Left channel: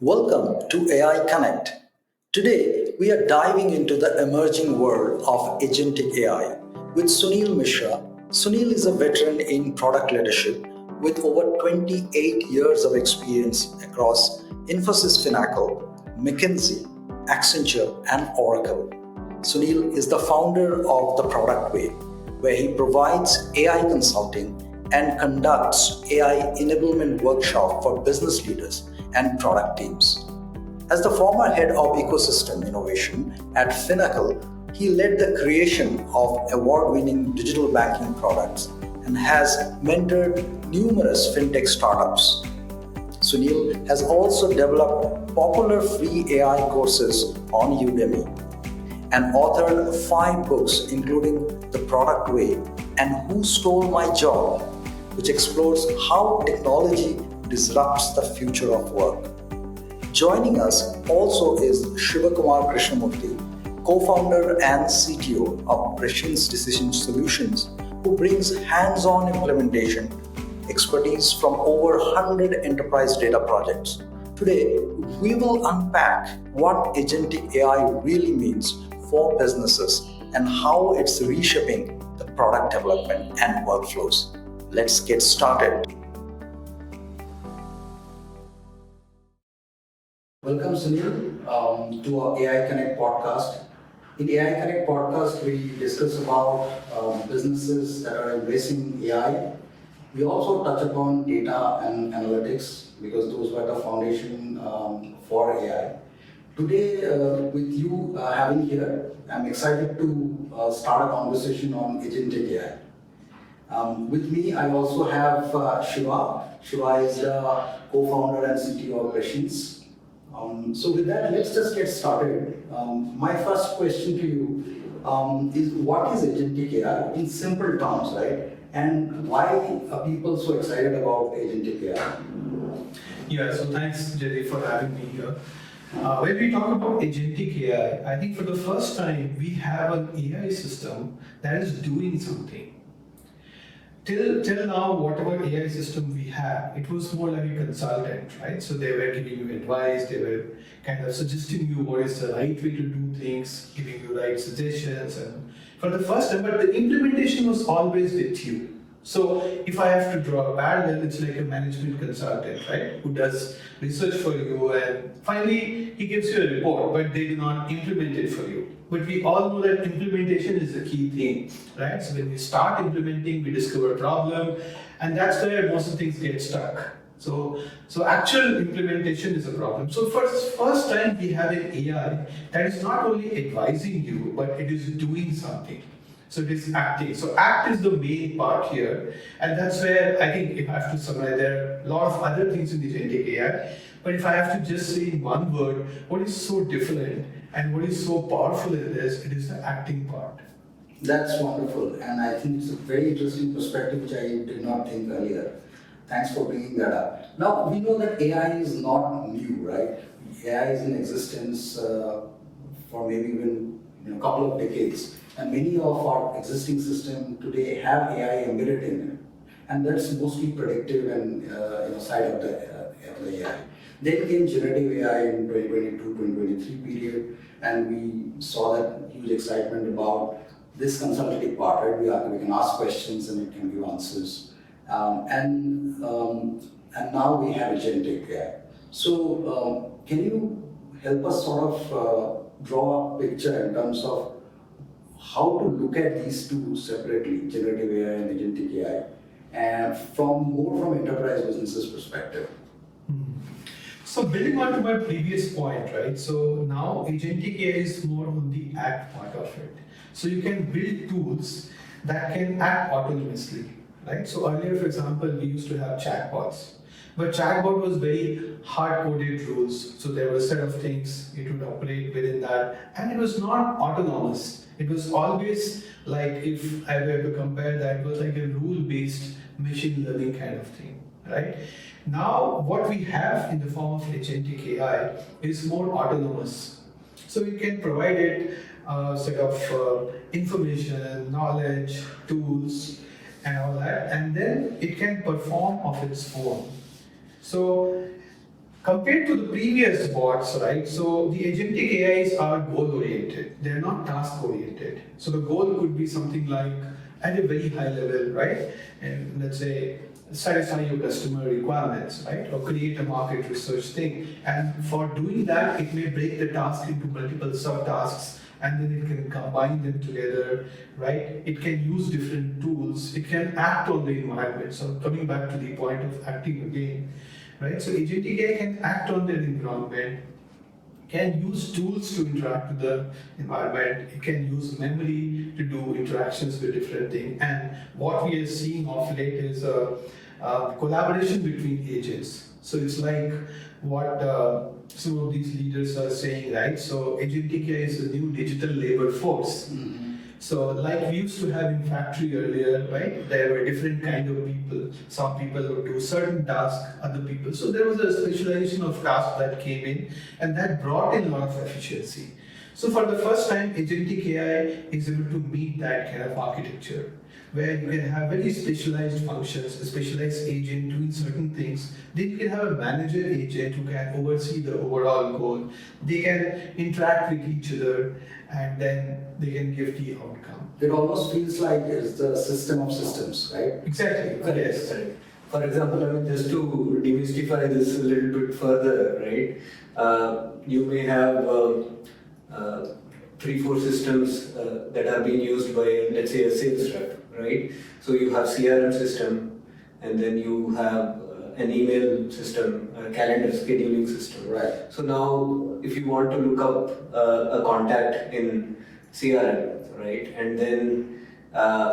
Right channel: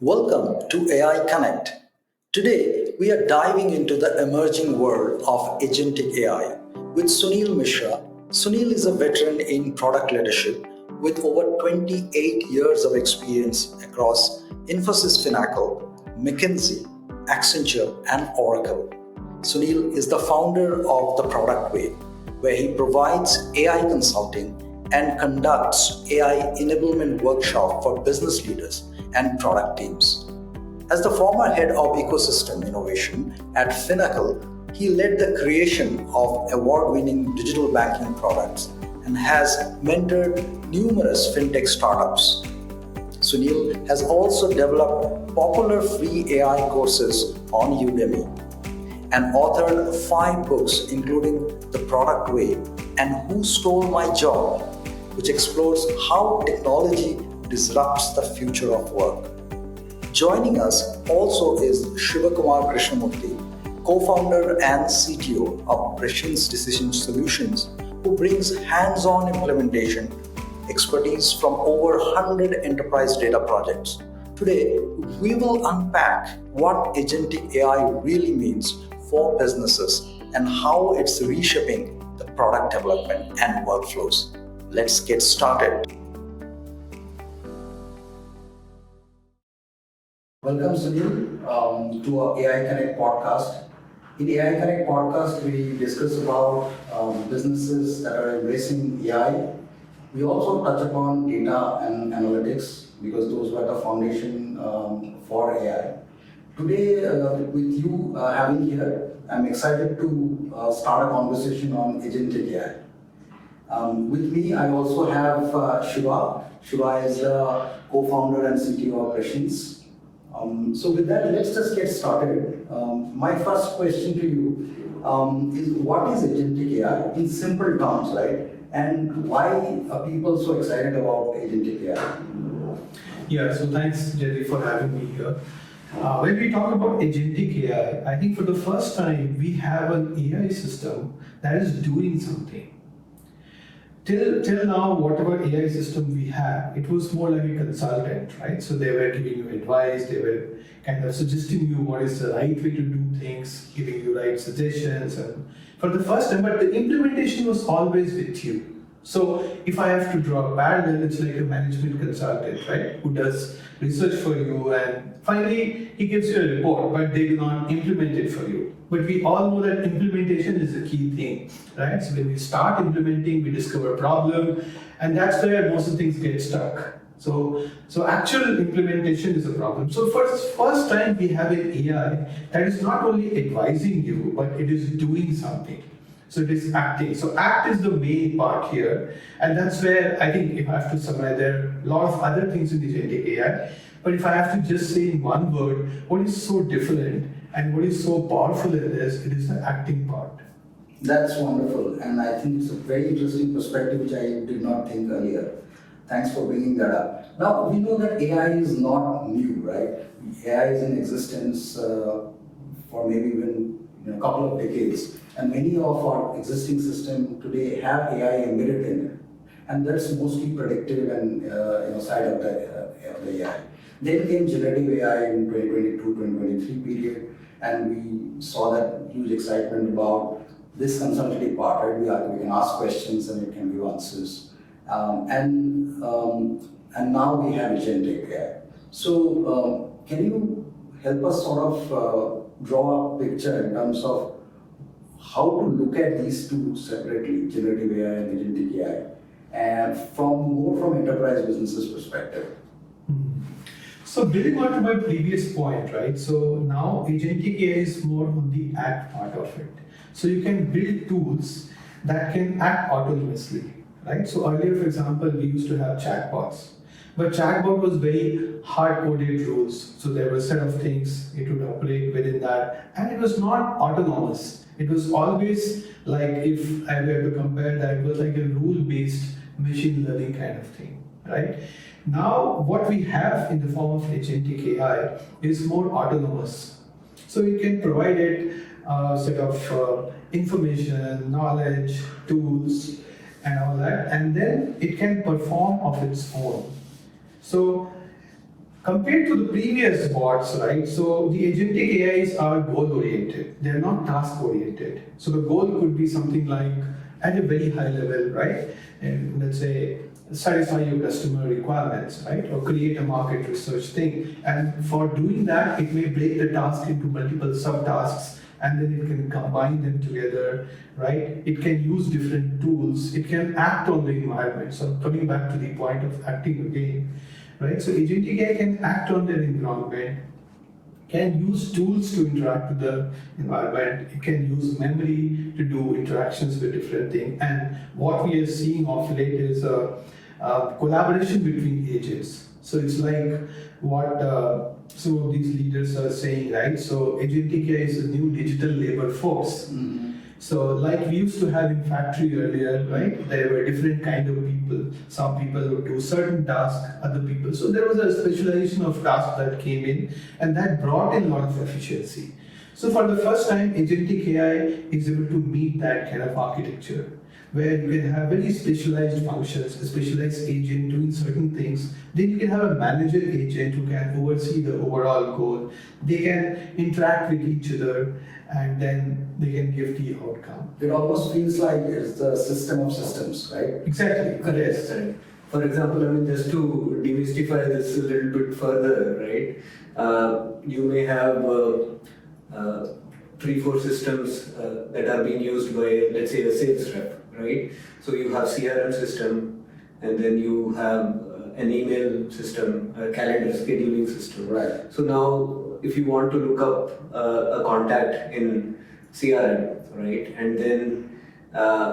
Welcome to AI Connect. Today, we are diving into the emerging world of Agentic AI with Sunil Mishra. Sunil is a veteran in product leadership with over 28 years of experience across Infosys Finacle, McKinsey, Accenture, and Oracle. Sunil is the founder of The Product Way, where he provides AI consulting and conducts AI enablement workshop for business leaders and product teams. As the former head of ecosystem innovation at Finacle, he led the creation of award-winning digital banking products and has mentored numerous fintech startups. Sunil has also developed popular free AI courses on Udemy and authored 5 books, including The Product Way and Who Stole My Job, which explores how technology disrupts the future of work. Joining us also is Shivakumar Krishnamurthy, co-founder and CTO of Prescience Decision Solutions, who brings hands-on implementation expertise from over 100 enterprise data projects. Today, we will unpack what Agentic AI really means for businesses and how it's reshaping the product development and workflows. Let's get started. Welcome, Sunil, to our AI Connect podcast. In AI Connect podcast, we discuss about businesses that are embracing AI. We also touch upon data and analytics because those were the foundation for AI. Today, with you having here, I'm excited to start a conversation on Agentic AI. With me, I also have Shiva. Shiva is the co-founder and CTO of Prescience. So with that, let's just get started. My first question to you is what is Agentic AI in simple terms, right? And why are people so excited about Agentic AI? Yeah, so thanks, Jerry, for having me here. When we talk about Agentic AI, I think for the first time we have an AI system that is doing something. Till now, whatever AI system we have, it was more like a consultant, right? So they were giving you advice, they were kind of suggesting you what is the right way to do things, giving you right suggestions, and for the first time, but the implementation was always with you. So if I have to draw a parallel, it's like a management consultant, right? Who does research for you and finally he gives you a report, but they do not implement it for you. But we all know that implementation is the key thing, right? So when we start implementing, we discover a problem, and that's where most of things get stuck. So actual implementation is a problem. So first time we have an AI that is not only advising you, but it is doing something. So it is acting. So act is the main part here. And that's where I think if I have to summarize, there are a lot of other things in the agentic AI. But if I have to just say in one word, what is so different and what is so powerful in this, it is the acting part. That's wonderful. And I think it's a very interesting perspective which I did not think earlier. Thanks for bringing that up. Now, we know that AI is not new, right? AI is in existence for maybe even a couple of decades. And many of our existing systems today have AI embedded in it. And that's mostly predictive and side of the AI. Then came generative AI in 2022-2023 period, and we saw that huge excitement about this consultative part, right? We can ask questions and it can give answers. And now we have agentic AI. So can you help us sort of draw a picture in terms of how to look at these two separately, generative AI and agentic AI, and from enterprise businesses perspective? So building on to my previous point, right? So now agentic AI is more on the act part of it. So you can build tools that can act autonomously, right? So earlier, for example, we used to have chatbots, but chatbot was very hard-coded rules. So there were a set of things it would operate within that, and it was not autonomous. It was always like, if I were to compare that, it was like a rule-based machine learning kind of thing, right? Now, what we have in the form of agentic AI is more autonomous. So you can provide it a set of information, knowledge, tools, and all that, and then it can perform of its own. So Compared to the previous bots, right? So the agentic AIs are goal-oriented. They're not task-oriented. So the goal could be something like at a very high level, right? And let's say satisfy your customer requirements, right? Or create a market research thing. And for doing that, it may break the task into multiple subtasks and then it can combine them together, right? It can use different tools. It can act on the environment. So coming back to the point of acting again, right? So agentic AI can act on their environment, can use tools to interact with the environment. It can use memory to do interactions with different things. And what we are seeing of late is a collaboration between agents. So it's like what some of these leaders are saying, right? So agentic AI is a new digital labor force. So like we used to have in factory earlier, right? There were different kind of people. Some people would do certain tasks, other people. So there was a specialization of tasks that came in and that brought in a lot of efficiency. So for the first time, agentic AI is able to meet that kind of architecture where you can have very specialized functions, a specialized agent doing certain things. Then you can have a manager agent who can oversee the overall goal. They can interact with each other and then they can give the outcome. It almost feels like it's the system of systems, right? Exactly. Correct. Yes. Correct. For example, I mean, just to demystify this a little bit further, right? You may have 3-4 systems that are being used by, let's say, a sales rep, right? So you have CRM system, and then you have an email system, a calendar scheduling system. Right. So now, if you want to look up a contact in CRM, right, and then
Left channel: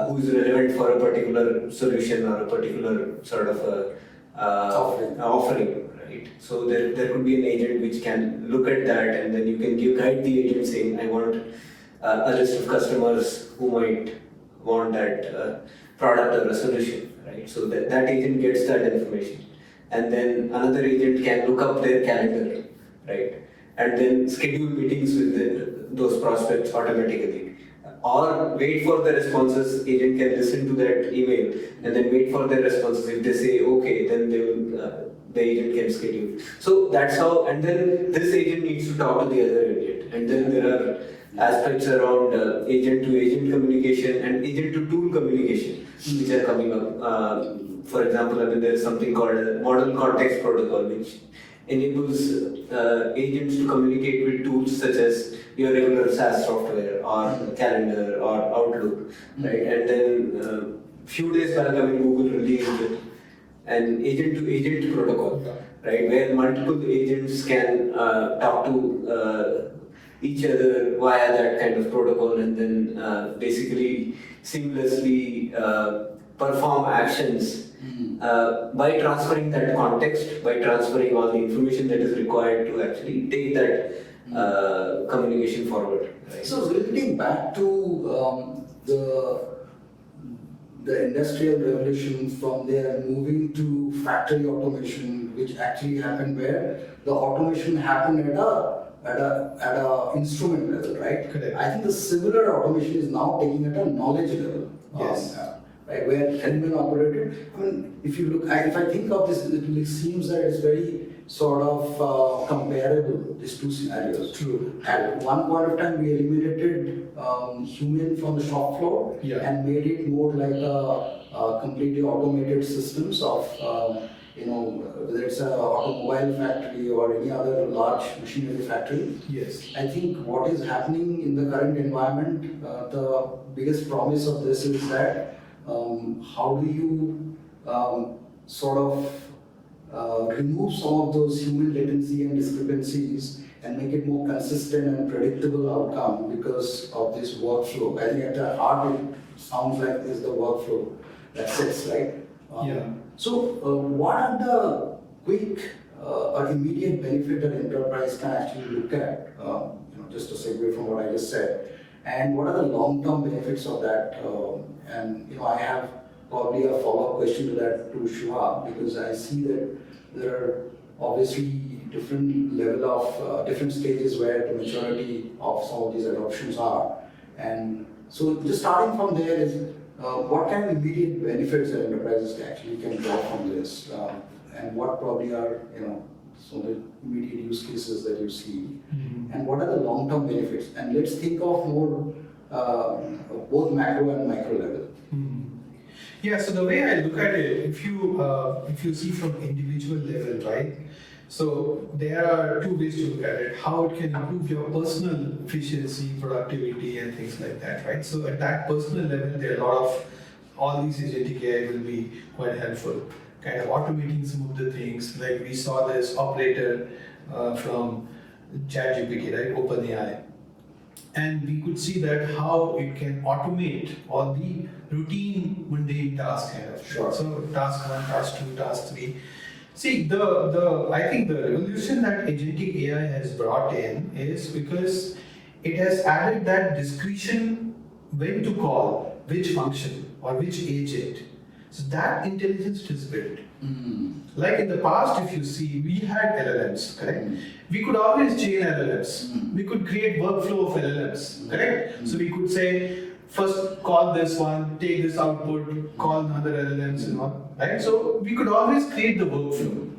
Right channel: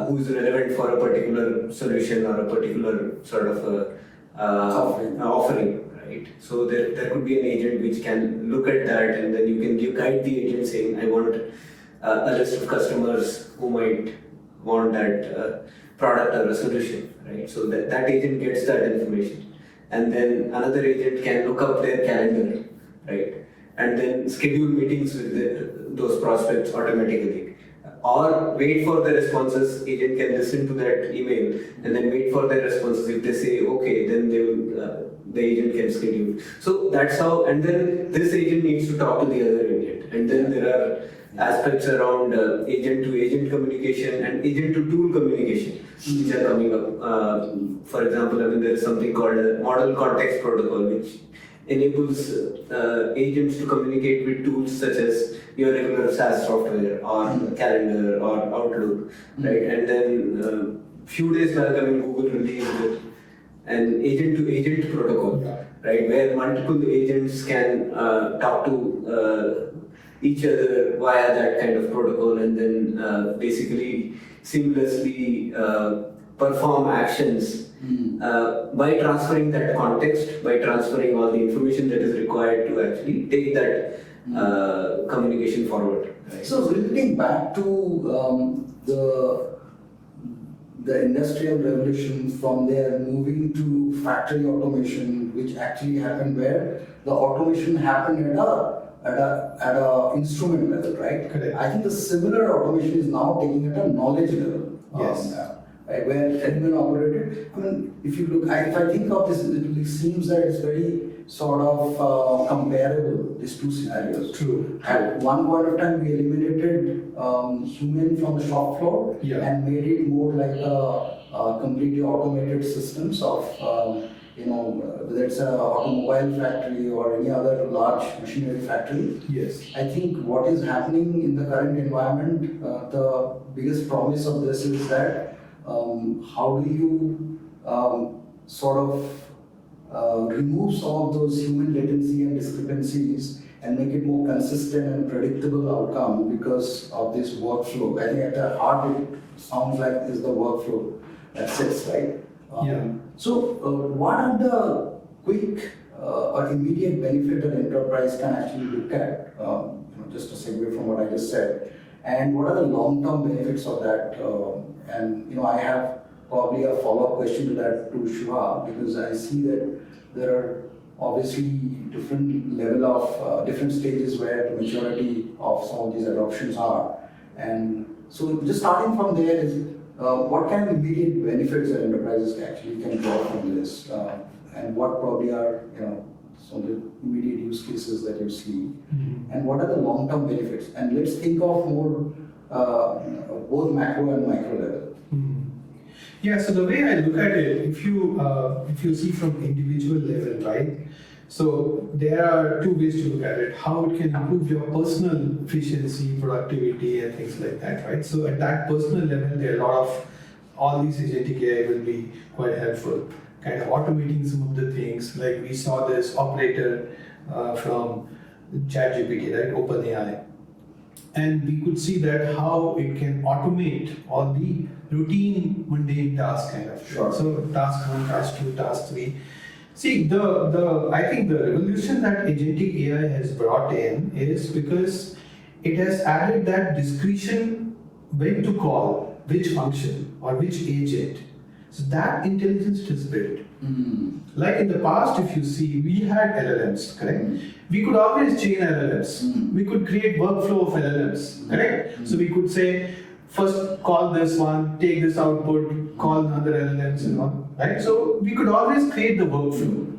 who is relevant for a particular solution or a particular sort of offering, right? So there could be an agent which can look at that, and then you can guide the agent saying, I want a list of customers who might want that product or a solution, right? So that agent gets that information, and then another agent can look up their calendar, right, and then schedule meetings with those prospects automatically, or wait for the responses. Agent can listen to that email and then wait for their responses. If they say okay, then they will the agent can schedule. So that's how, and then this agent needs to talk to the other agent, and then there are aspects around agent to agent communication and agent to tool communication which are coming up. For example, I mean, there is something called a model context protocol which enables agents to communicate with tools such as your regular SaaS software or calendar or Outlook, right? And then few days back, I mean, Google released an agent-to-agent protocol, right, where multiple agents can talk to each other via that kind of protocol, and then basically seamlessly perform actions by transferring that context, by transferring all the information that is required to actually take that communication forward. Right? So relating back to the industrial revolution, from there moving to factory automation, which actually happened where the automation happened at a instrument level, right? Correct. I think the similar automation is now taking at a knowledge level. Yes. Right, where human operated. I mean, if you look, if I think of this, it seems that it's very sort of comparable, these two scenarios. True. At one point of time, we eliminated human from the shop floor and made it more like a completely automated systems of, whether it's an automobile factory or any other large machinery factory. Yes. I think what is happening in the current environment, the biggest promise of this is that how do you sort of remove some of those human latency and discrepancies and make it more consistent and predictable outcome because of this workflow. I think at the heart it sounds like is the workflow that sits, right? So what are the quick or immediate benefit that enterprise can actually look at, just to segue from what I just said, and what are the long-term benefits of that? And I have probably a follow-up question to that to Shiva, because I see that there are obviously different level of different stages where the maturity of some of these adoptions are. And so just starting from there is what kind of immediate benefits that enterprises actually can draw from this, and what probably are So the immediate use cases that you see, and what are the long-term benefits? And let's think of more both macro and micro level. Yeah, so the way I look at it, if you see from individual level, right? So there are two ways to look at it: how it can improve your personal efficiency, productivity, and things like that, right? So at that personal level, there are a lot of all these agentic AI will be quite helpful, kind of automating some of the things. Like we saw this operator from ChatGPT, right? OpenAI, and we could see that how it can automate all the routine mundane tasks kind of. Sure. So task 1, task 2, task 3. See, the I think the revolution that agentic AI has brought in is because it has added that discretion when to call which function or which agent. So that intelligence is built. Like in the past, if you see, we had LLMs, correct? We could always chain LLMs. We could create workflow of LLMs, correct? So we could say, first call this one, take this output, call another LLM, and all, right? So we could always create the workflow.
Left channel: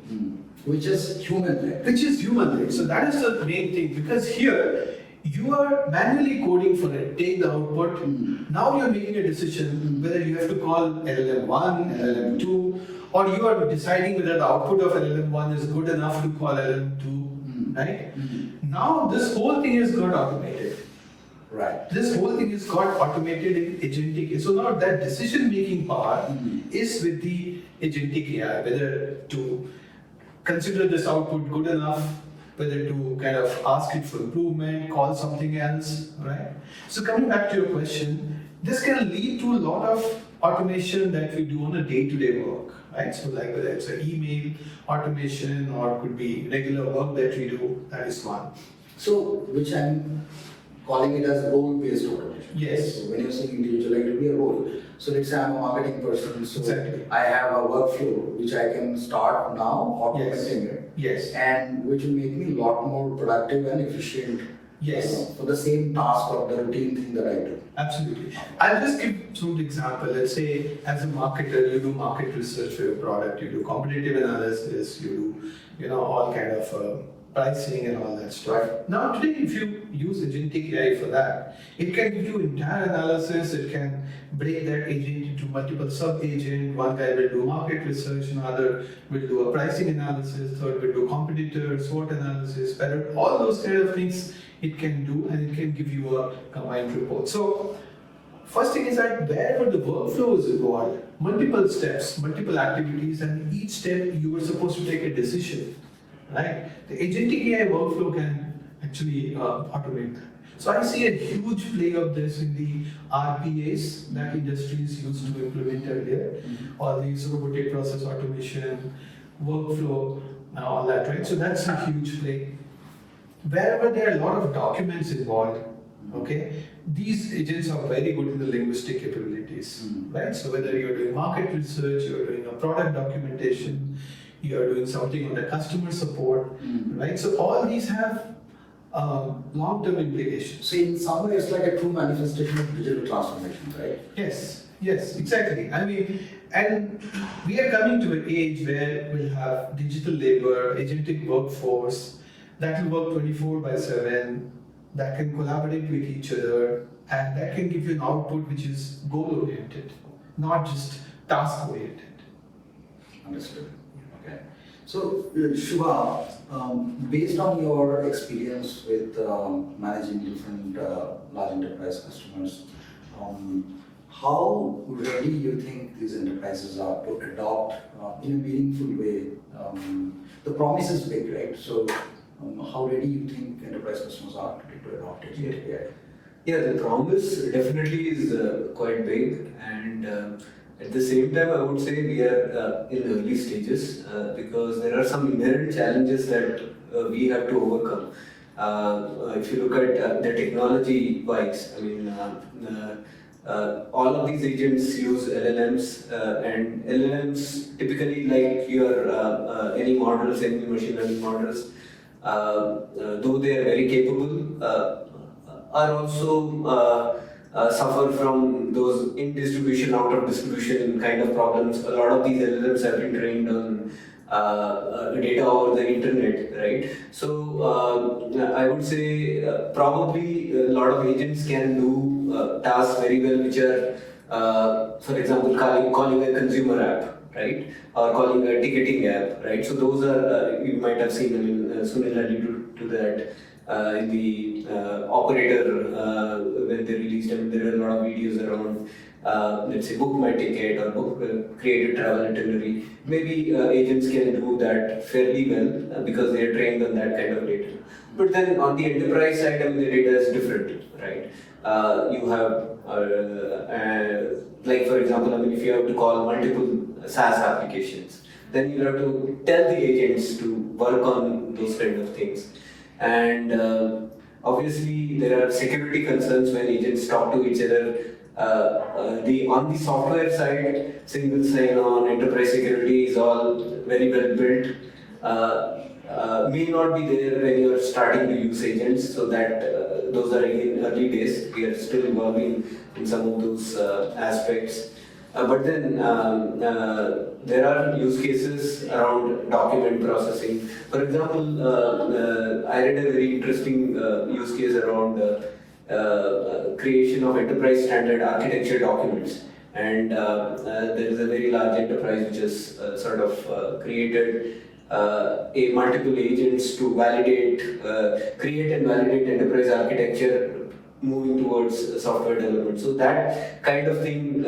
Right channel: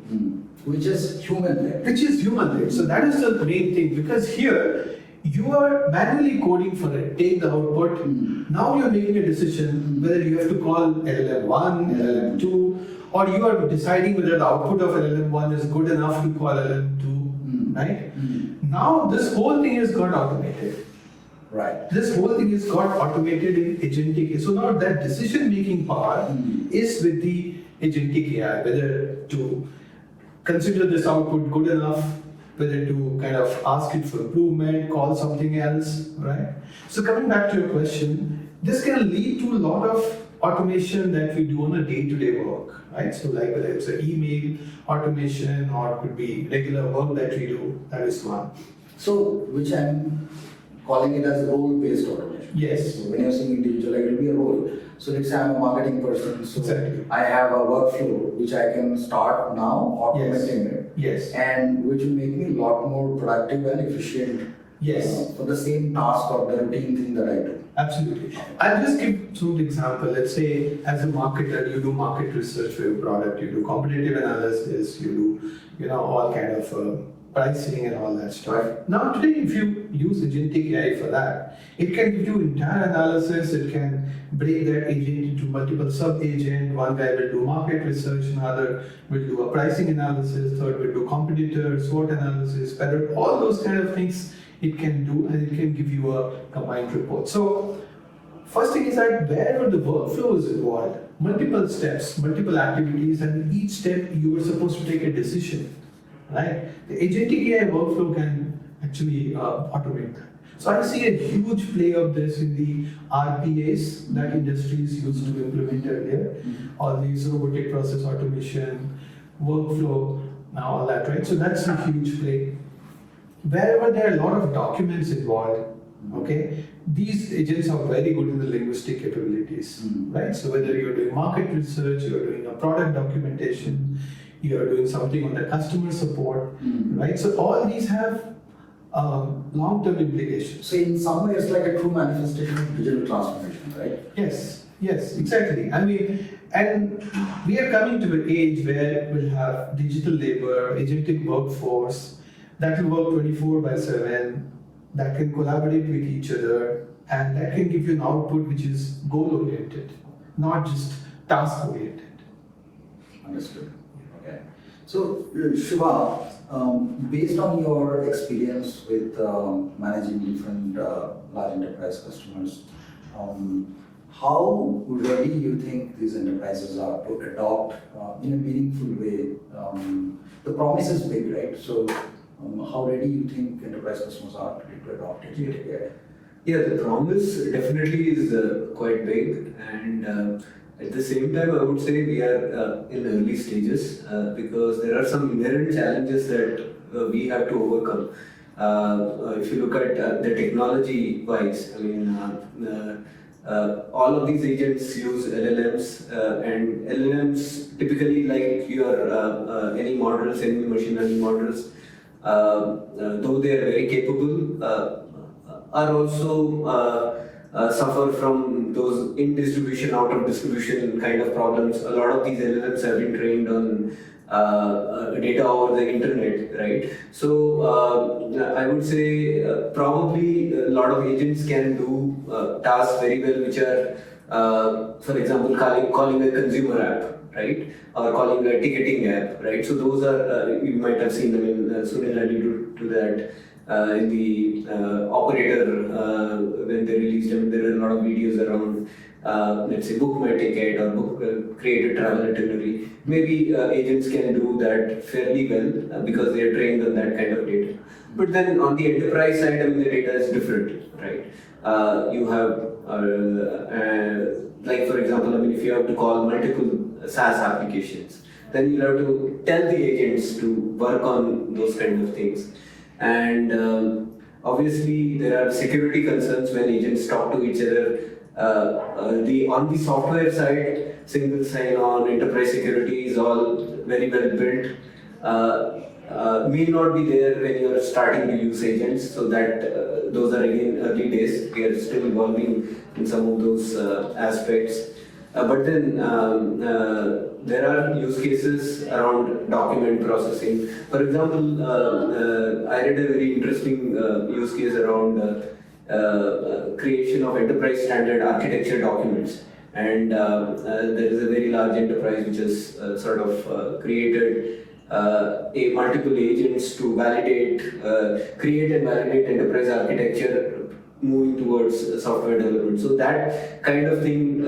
Which is human-led. Which is human-led. So that is the main thing, because here you are manually coding for it, take the output. Now you're making a decision whether you have to call LLM1, LLM2, or you are deciding whether the output of LLM1 is good enough to call LLM2, right? Now this whole thing has got automated. Right. This whole thing is got automated in agentic AI. So now that decision-making power is with the agentic AI, whether to consider this output good enough, whether to kind of ask it for improvement, call something else, right? So coming back to your question, this can lead to a lot of automation that we do on a day-to-day work, right? So like whether it's an email automation or it could be regular work that we do, that is one. So, which I'm calling it as role-based automation. Yes. So when you're saying individual, it will be a role. So let's say I'm a marketing person, so Exactly. I have a workflow which I can start now automating it. Yes. And which will make me a lot more productive and efficient. Yes. For the same task or the routine thing that I do. Absolutely. I'll just give some example. Let's say as a marketer, you do market research for your product, you do competitive analysis, you do, all kind of pricing and all that stuff. Right. Now today, if you use agentic AI for that, it can give you entire analysis. It can break that agent into multiple sub-agent. One guy will do market research, another will do a pricing analysis, third will do competitor, SWOT analysis, better, all those kind of things it can do, and it can give you a combined report. So first thing is that wherever the workflow is involved, multiple steps, multiple activities, and each step you are supposed to take a decision, right? The agentic AI workflow can actually automate that. So I see a huge play of this in the RPAs that industries used to implement earlier, all these robotic process automation, workflow, all that, right? So that's a huge play. Wherever there are a lot of documents involved, okay, these agents are very good in the linguistic capabilities, right? So whether you're doing market research, you're doing a product documentation, you're doing something on the customer support, right? So all these have long-term implications. So in some way, it's like a true manifestation of digital transformation, right? Yes, exactly. I mean, and we are coming to an age where we'll have digital labor, agentic workforce, that will work 24/7, that can collaborate with each other, and that can give you an output which is goal-oriented, not just task-oriented. Understood. Okay. So, Shiva, based on your experience with managing different large enterprise customers, how ready you think these enterprises are to adopt in a meaningful way? The promise is big, right? So, how ready you think enterprise customers are to adopt it? Yeah, the promise definitely is quite big, and at the same time, I would say we are in early stages because there are some inherent challenges that we have to overcome. If you look at the technology-wise, I mean, all of these agents use LLMs, and LLMs typically, like your any models, any machine learning models, though they are very capable, are also suffer from those in distribution, out of distribution kind of problems. A lot of these LLMs have been trained on data over the internet, right? So I would say probably a lot of agents can do tasks very well, which are, for example, calling a consumer app, right? Or calling a ticketing app, right? So those are, you might have seen, I mean, Sunil alluded to that in the operator when they released, I mean, there were a lot of videos around, let's say, book my ticket or create a travel itinerary. Maybe agents can do that fairly well because they are trained on that kind of data. But then on the enterprise side, I mean, the data is different, right? You have, like for example, I mean, if you have to call multiple SaaS applications, then you'll have to tell the agents to work on those kind of things. And obviously, there are security concerns when agents talk to each other. On the software side, single sign-on, enterprise security is all very well built. May not be there when you're starting to use agents, so that those are again early days. We are still evolving in some of those aspects. But then there are use cases around document processing. For example, I read a very interesting use case around creation of enterprise standard architecture documents. And there is a very large enterprise which has sort of created a multiple agents to validate, create and validate enterprise architecture moving towards software development. So that kind of thing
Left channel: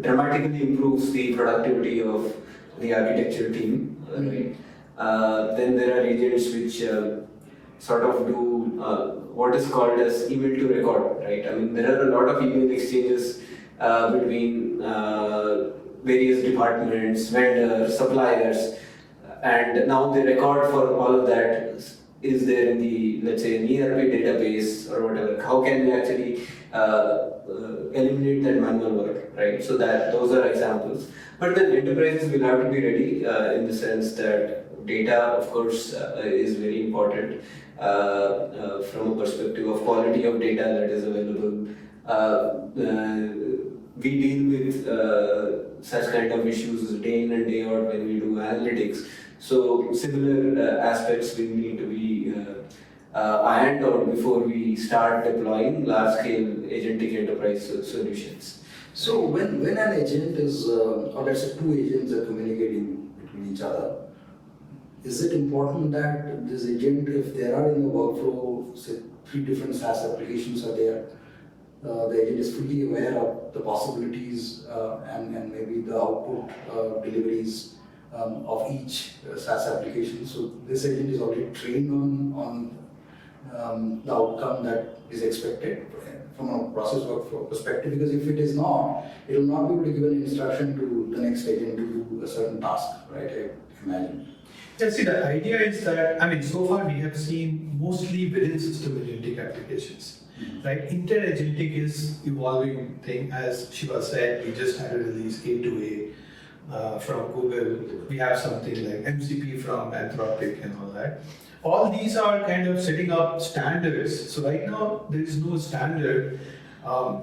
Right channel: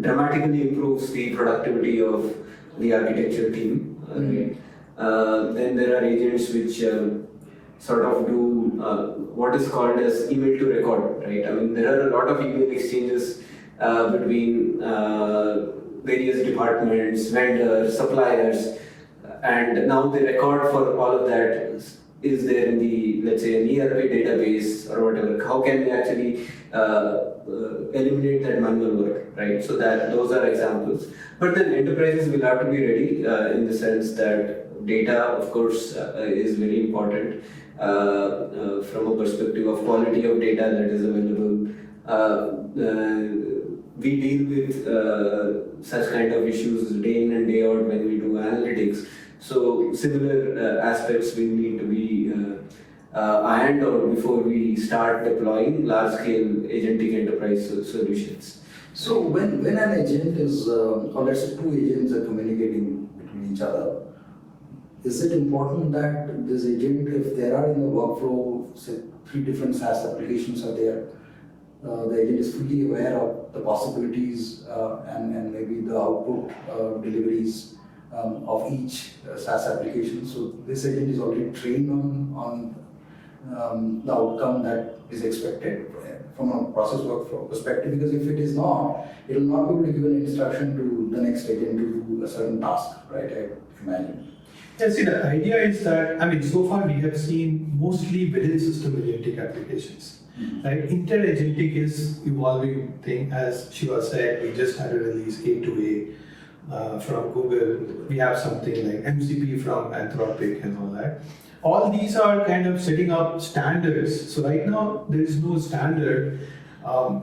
dramatically improves the productivity of the architecture team. Right? Then there are agents which sort of do what is called as email to record, right? I mean, there are a lot of email exchanges between various departments, vendors, suppliers, and now the record for all of that is there in the, let's say, an ERP database or whatever. How can we actually eliminate that manual work, right? So that those are examples. But then enterprises will have to be ready in the sense that data, of course, is very important from a perspective of quality of data that is available. We deal with such kind of issues day in and day out when we do analytics. So similar aspects will need to be ironed out before we start deploying large-scale agentic enterprise solutions. So when an agent is, or let's say two agents are communicating between each other, is it important that this agent, if there are in the workflow, say 3 different SaaS applications are there, the agent is fully aware of the possibilities and maybe the output deliveries of each SaaS application. So this agent is already trained on the outcome that is expected from a process workflow perspective, because if it is not, it will not be able to give an instruction to the next agent to do a certain task, right? I imagine. Yeah, see, the idea is that, I mean, so far we have seen mostly within system agentic applications, right? Inter-agentic is evolving thing, as Shiva said. We just had a release A2A from Google. We have something like MCP from Anthropic and all that. All these are kind of setting up standards. So right now there is no standard.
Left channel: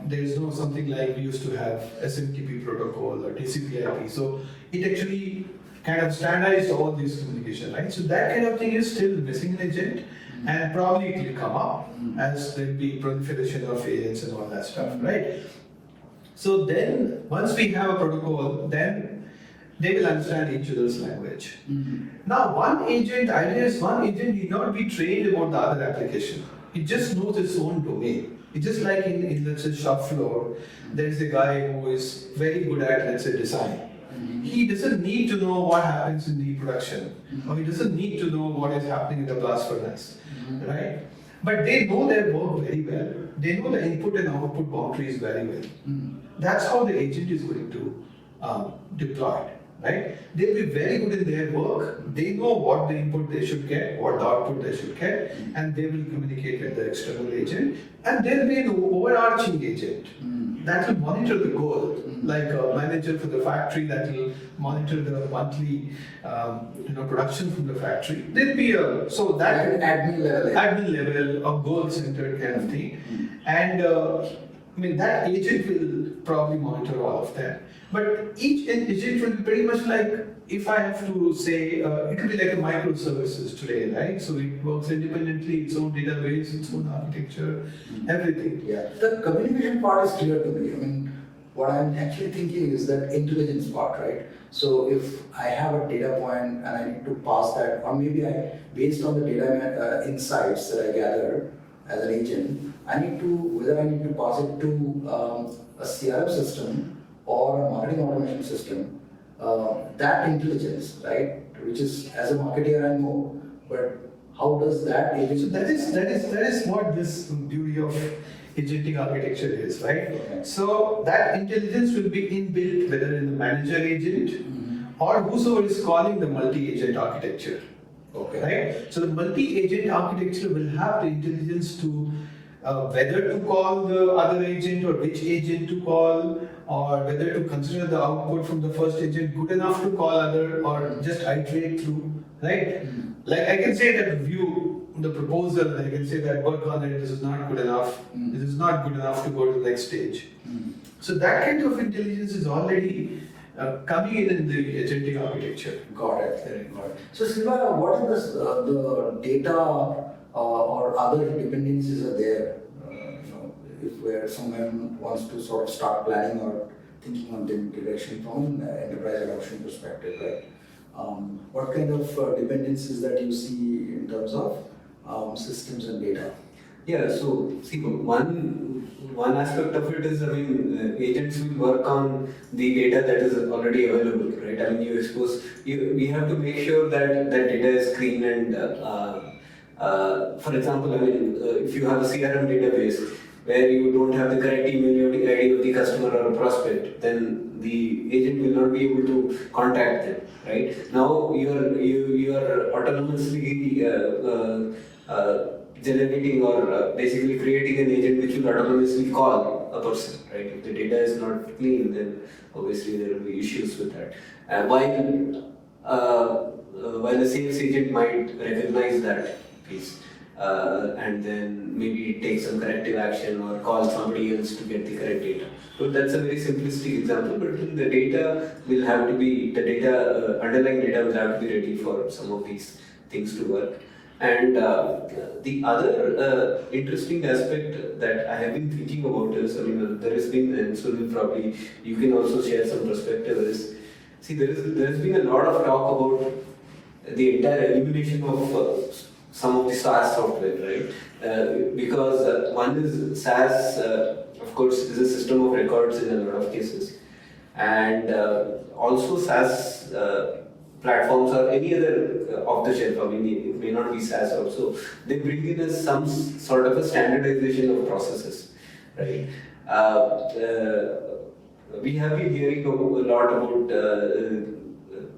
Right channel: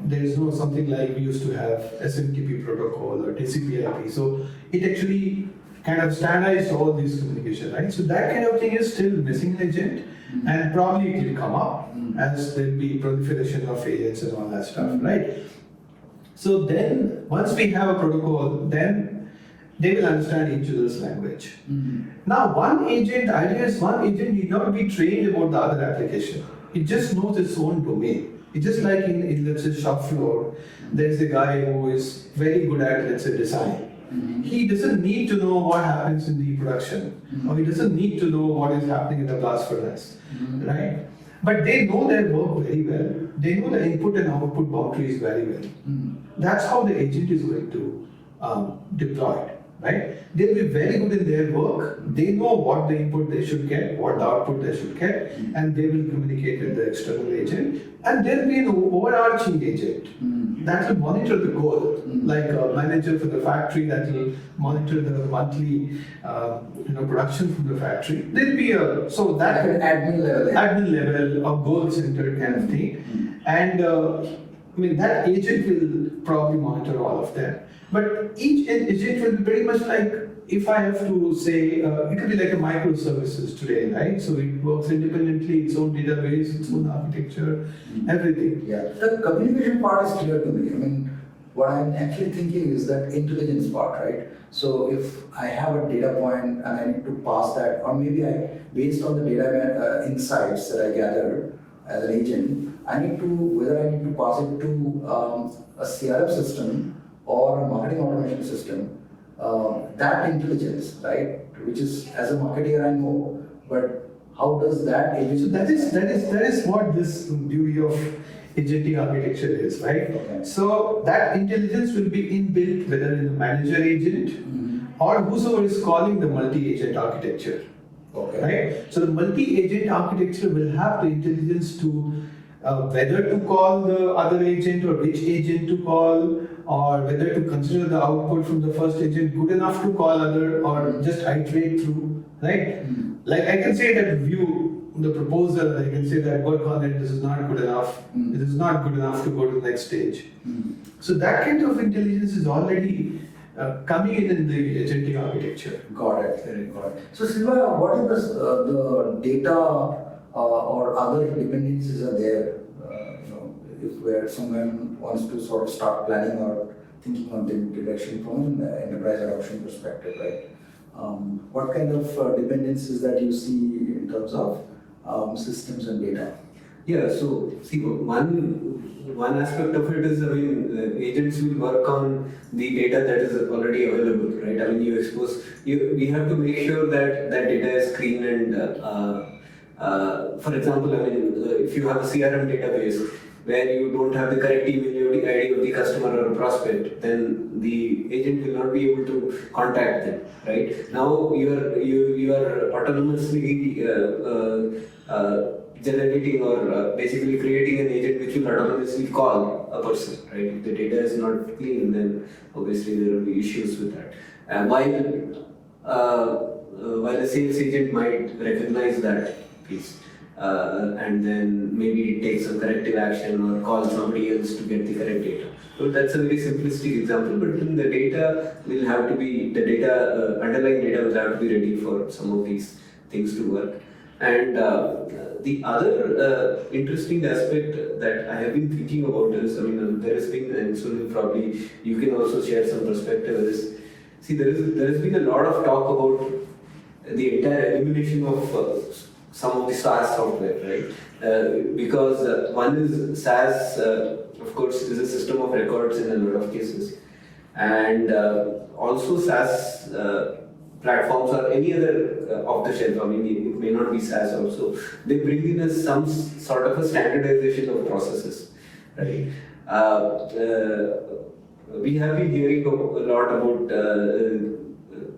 There is no something like we used to have SMTP protocol or TCP/IP. So it actually kind of standardized all these communication, right? So that kind of thing is still missing in agent, and probably it will come up as there will be proliferation of agents and all that stuff, right? So then once we have a protocol, then they will understand each other's language. Now one agent need not be trained about the other application. It just knows its own domain. It's just like in let's say shop floor, there's a guy who is very good at, let's say, design. He doesn't need to know what happens in the production, or he doesn't need to know what is happening in the blast furnace, right? But they know their work very well. They know the input and output boundaries very well. That's how the agent is going to deploy it, right? They'll be very good in their work. They know what the input they should get, what the output they should get, and they will communicate with the external agent. And there'll be an overarching agent that will monitor the goal, like a manager for the factory that will monitor the monthly production from the factory. There'll be admin level of goal-centered kind of thing. And I mean, that agent will probably monitor all of them. But each agent will be pretty much like if I have to say, it could be like a microservices today, right? So it works independently, its own database, its own architecture, everything. Yeah, the communication part is clear to me. I mean, what I'm actually thinking is that intelligence part, right? So if I have a data point and I need to pass that, or maybe based on the data insights that I gather as an agent, whether I need to pass it to a CRM system or a marketing automation system, that intelligence, right? Which is, as a marketer, I know, but how does that agent? So that is what this beauty of agentic architecture is, right? Okay. So that intelligence will be inbuilt whether in the manager agent or whosoever is calling the multi-agent architecture. Okay. Right? So the multi-agent architecture will have the intelligence to whether to call the other agent or which agent to call, or whether to consider the output from the first agent good enough to call other, or just iterate through, right? Like I can say that view the proposal, I can say that work on it, this is not good enough, this is not good enough to go to the next stage. So that kind of intelligence is already coming in the agentic architecture. Got it. Got it. So, Silva, what is the data or other dependencies are there? If where someone wants to sort of start planning or thinking on the direction from an enterprise adoption perspective, right? What kind of dependencies that you see in terms of systems and data? Yeah, so see, one aspect of it is, I mean, agents will work on the data that is already available, right? I mean, we have to make sure that that data is clean and, for example, I mean, if you have a CRM database where you don't have the correct email ID of the customer or a prospect, then the agent will not be able to contact them, right? Now you are autonomously generating or basically creating an agent which will autonomously call a person, right? If the data is not clean, then obviously there will be issues with that. And while a sales agent might recognize that piece, and then maybe take some corrective action or call somebody else to get the correct data. So that's a very simplistic example, but then the data will have to be, underlying data will have to be ready for some of these things to work. And the other interesting aspect that I have been thinking about is, I mean, there has been, and Sunil, probably you can also share some perspective on this. See, there has been a lot of talk about the entire elimination of some of the SaaS software, right? Because one is SaaS, of course, is a system of records in a lot of cases, and also SaaS platforms or any other off the shelf. I mean, it may not be SaaS also. They bring in some sort of a standardization of processes, right? We have been hearing a lot about.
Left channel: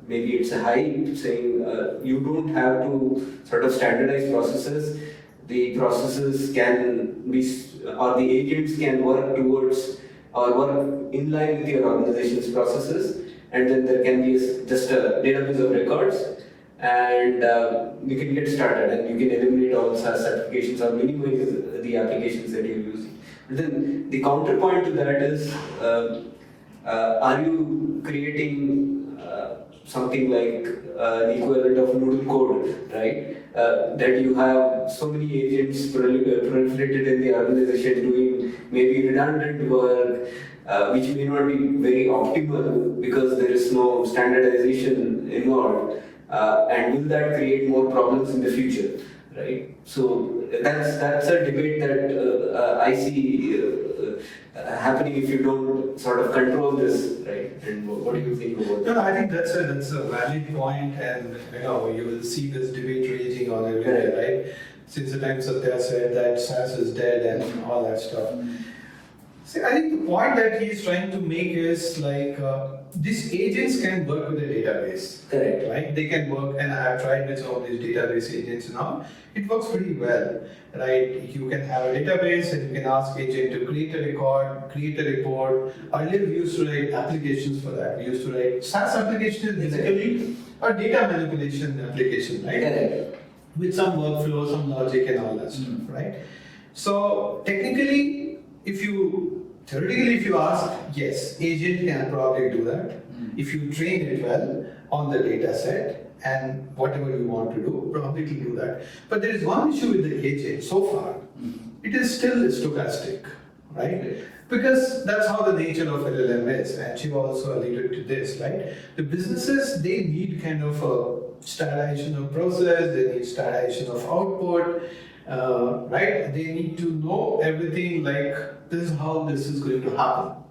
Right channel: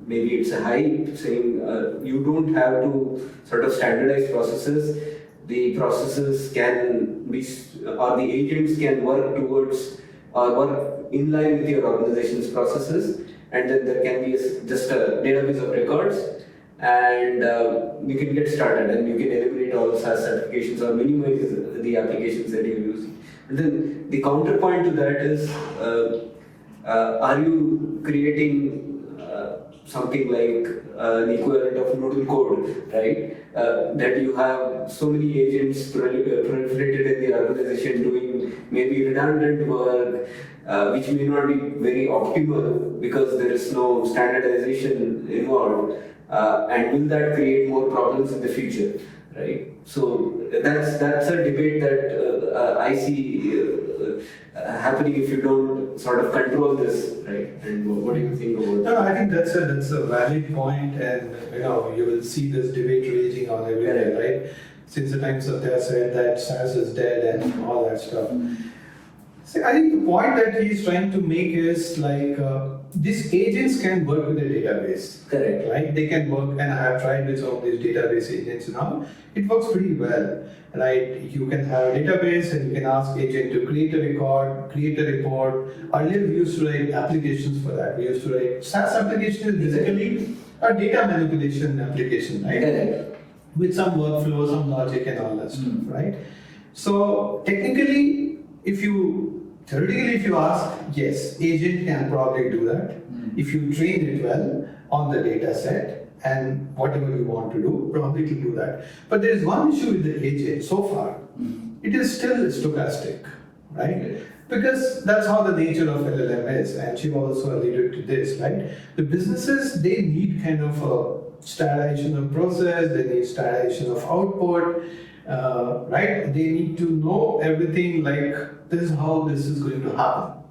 Maybe it's a hype saying you don't have to sort of standardize processes. The processes can be, or the agents can work towards or work in line with your organization's processes, and then there can be just a database of records, and you can get started and you can eliminate all SaaS applications or minimize the applications that you're using. But then the counterpoint to that is, are you creating something like an equivalent of noodle code, right? That you have so many agents proliferated in the organization doing maybe redundant work, which may not be very optimal because there is no standardization involved. And will that create more problems in the future, right? So that's a debate that I see happening if you don't sort of control this, right? And what do you think about that? No, I think that's a valid point, and you will see this debate raging on everywhere, right? Since the time Satya said that SaaS is dead and all that stuff. See, I think the point that he's trying to make is like these agents can work with a database. Correct. Right? They can work, and I have tried with some of these database agents and all. It works pretty well, right? You can have a database and you can ask agent to create a record, create a report. Earlier we used to write applications for that. We used to write SaaS application is basically a data manipulation application, right? Correct. With some workflow, some logic and all that stuff, right? So technically, if you ask, yes, agent can probably do that if you train it well. on the data set, and whatever you want to do, probably it will do that. But there is one issue with the agent so far. It is still stochastic, right? Because that's how the nature of LLM is, and she also alluded to this, right? The businesses, they need kind of a standardization of process, they need standardization of output, right? They need to know everything like this is how this is going to happen.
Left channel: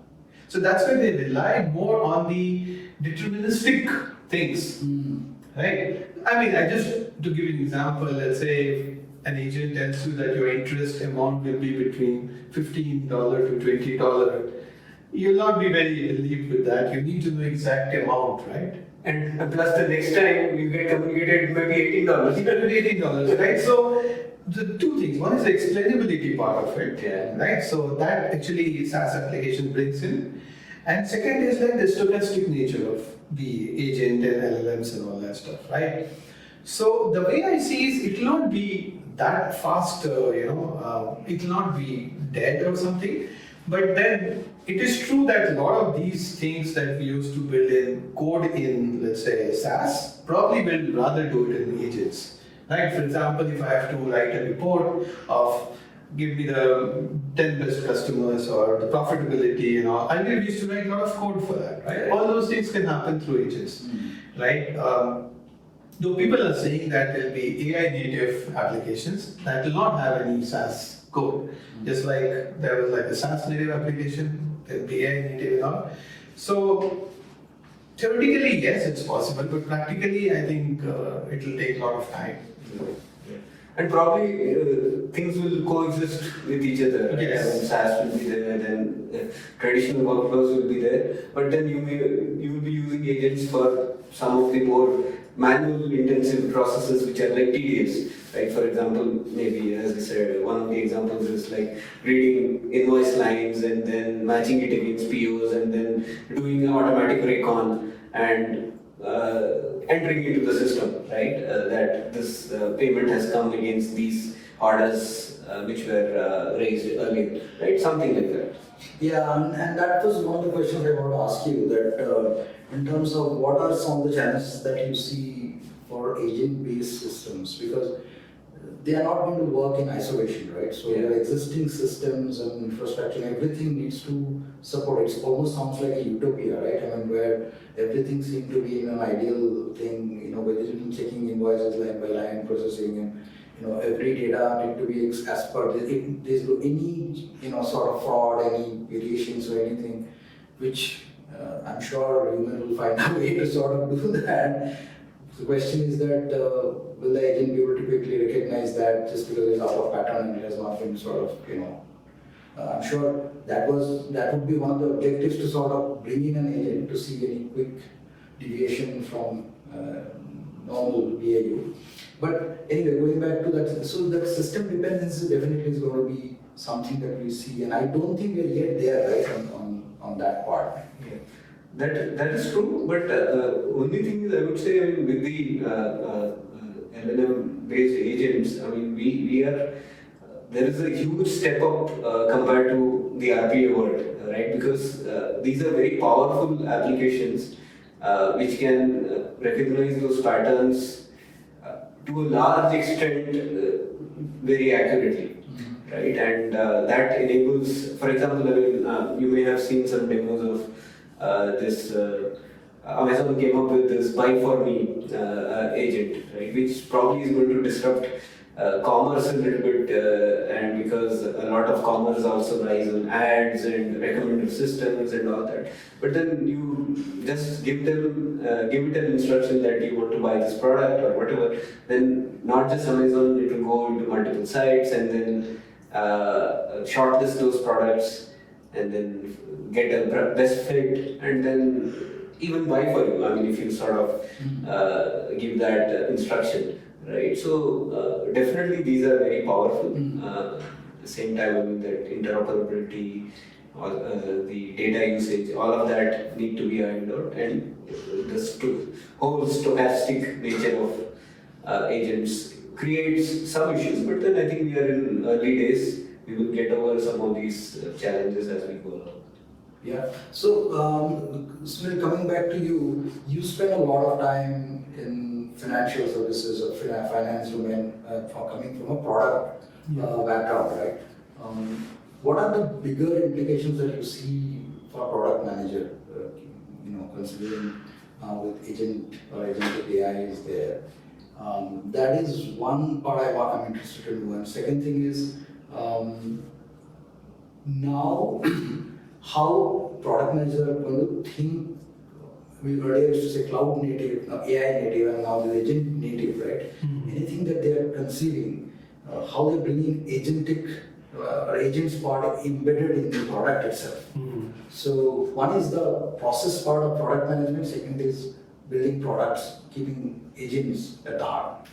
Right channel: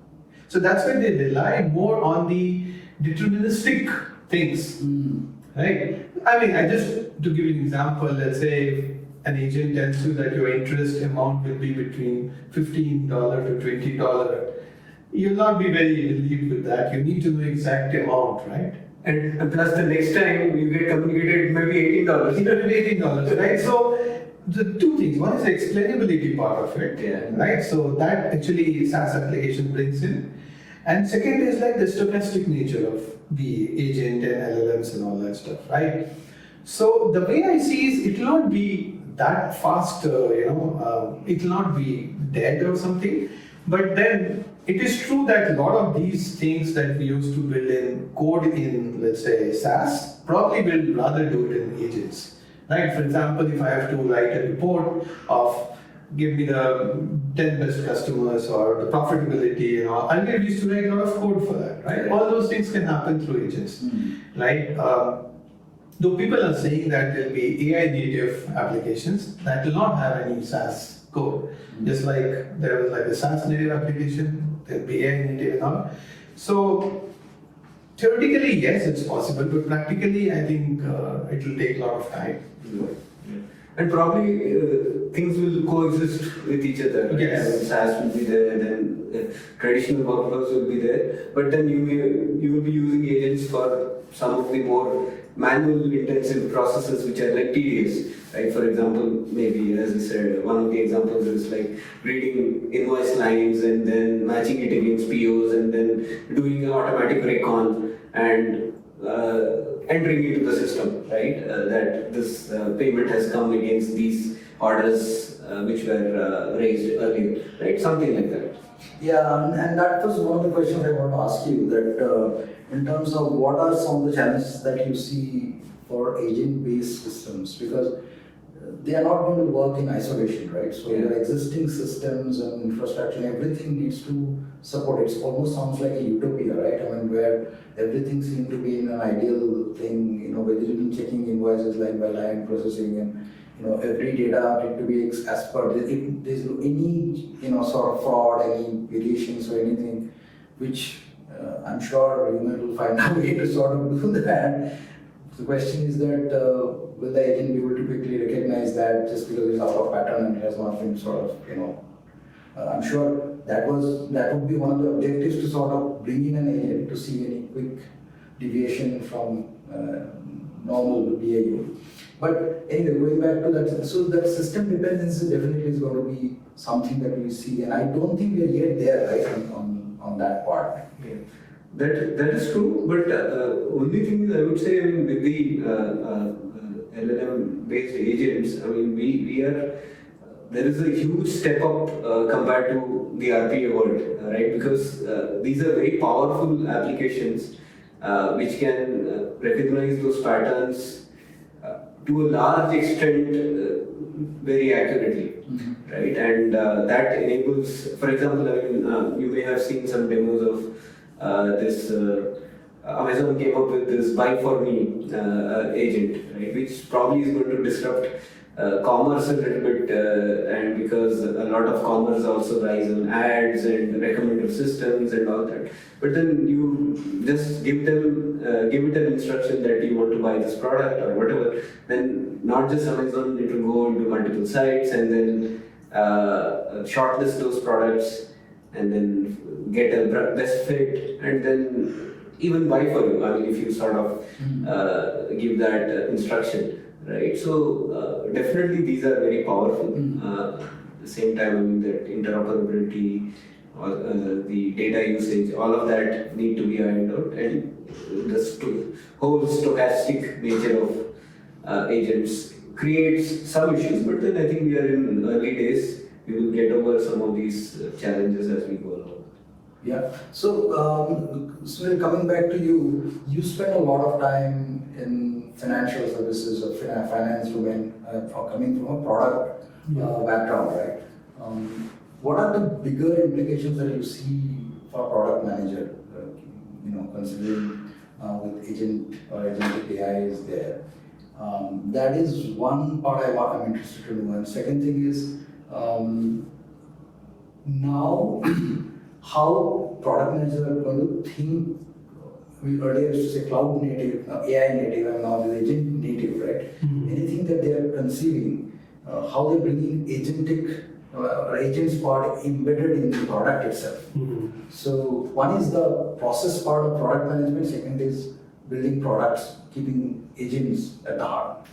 So that's why they rely more on the deterministic things, right? I mean, I just to give you an example, let's say an agent tells you that your interest amount will be between $15 to $20. You'll not be very relieved with that. You need to know exact amount, right? And plus the next time you get communicated, it might be $18. It will be $18, right? So the two things. One is the explainability part of it, right? So that actually SaaS application brings in. And second is like the stochastic nature of the agent and LLMs and all that stuff, right? So the way I see is it will not be that fast, it will not be dead or something. But then it is true that a lot of these things that we used to build in code in, let's say, SaaS, probably will rather do it in agents. Right? For example, if I have to write a report of give me the 10 best customers or the profitability, I used to write a lot of code for that, right? All those things can happen through agents, right? Though people are saying that there will be AI native applications that will not have any SaaS code, just like there was like a SaaS native application, there will be AI native and all. So theoretically, yes, it's possible, but practically, I think it will take a lot of time. And probably things will coexist with each other. Right? Yes. I mean, SaaS will be there, then traditional workflows will be there, but then you will be using agents for some of the more manual intensive processes which are like tedious. Right? For example, maybe as I said, one of the examples is like reading invoice lines and then matching it against POs and then doing an automatic recon and entering into the system, right? That this payment has come against these orders which were raised earlier, right? Something like that. Yeah, and that was one of the questions I want to ask you, that in terms of what are some of the challenges that you see for agent-based systems, because they are not going to work in isolation, right? So your existing systems and infrastructure, everything needs to support it. It almost sounds like a utopia, right? I mean, where everything seems to be in an ideal thing, whether you're checking invoices line by line, processing, and every data need to be as per. If there's any sort of fraud, any variations or anything, which I'm sure human will find a way to sort of do that. The question is that will the agent be able to quickly recognize that just because it's out of pattern and it has not been sort of, I'm sure that would be one of the objectives, to sort of bring in an agent to see any quick deviation from normal BAU. But anyway, going back to that, so that system dependency definitely is going to be something that we see, and I don't think we're yet there, right, on that part. Yeah. That is true, but only thing is I would say, I mean, with the LLM-based agents, I mean, we are there is a huge step up compared to the RPA world, right? Because these are very powerful applications which can recognize those patterns to a large extent very accurately. Right, and that enables, for example, I mean, you may have seen some demos of this. Amazon came up with this "Buy for Me" agent, right, which probably is going to disrupt commerce a little bit, and because a lot of commerce also relies on ads and recommender systems and all that. But then you just give it an instruction that you want to buy this product or whatever. Then not just Amazon, it will go into multiple sites and then shortlist those products and then get a best fit and then even buy for you. I mean, if you sort of give that instruction, right? So definitely these are very powerful. At the same time, I mean, that interoperability, or the data usage, all of that need to be ironed out, and the whole stochastic nature of agents creates some issues. But then I think we are in early days. We will get over some of these challenges as we go along. Yeah. So, Sunil, coming back to you, you spend a lot of time in financial services or finance domain, for coming from a product background, right? What are the bigger implications that you see for product manager? Considering with agent or agentic AI is there. That is one part I'm interested to know. And second thing is, now how product managers are going to think. We earlier used to say cloud native, now AI native, and now the agent native, right? Anything that they are conceiving, how they're bringing agentic or agents part embedded in the product itself. So one is the process part of product management. Second is building products, keeping agents at the heart.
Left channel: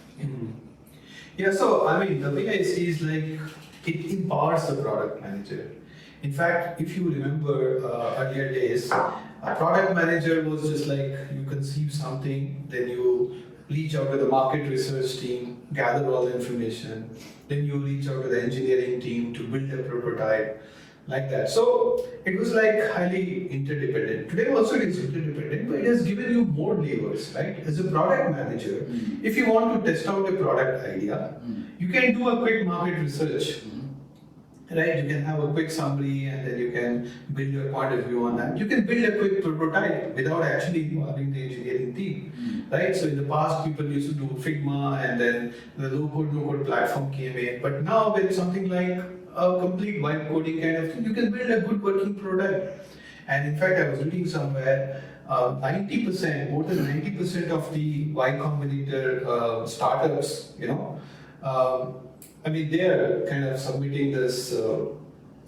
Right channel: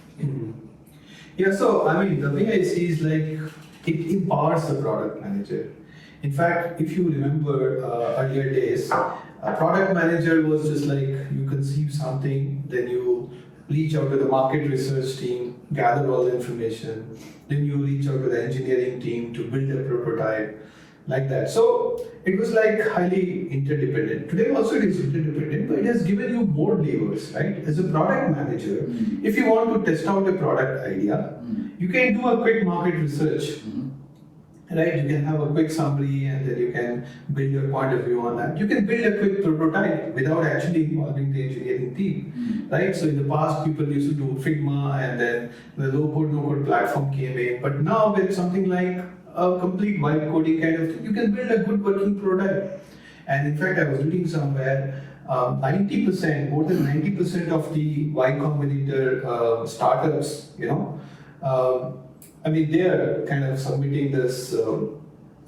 Yeah, so I mean, the way I see is like it empowers the product manager. In fact, if you remember earlier days, a product manager was just like you conceive something, then you reach out to the market research team, gather all the information, then you reach out to the engineering team to build a prototype, like that. So it was like highly interdependent. Today also it is interdependent, but it has given you more levers, right? As a product manager, if you want to test out a product idea, you can do a quick market research. Right, you can have a quick summary and then you can build your point of view on that. You can build a quick prototype without actually involving the engineering team, right? So in the past, people used to do Figma and then the low-code, no-code platform came in. But now with something like a complete vibe coding kind of thing, you can build a good working prototype. And in fact, I was reading somewhere, 90%, more than 90% of the Y Combinator startups, I mean, they are kind of submitting this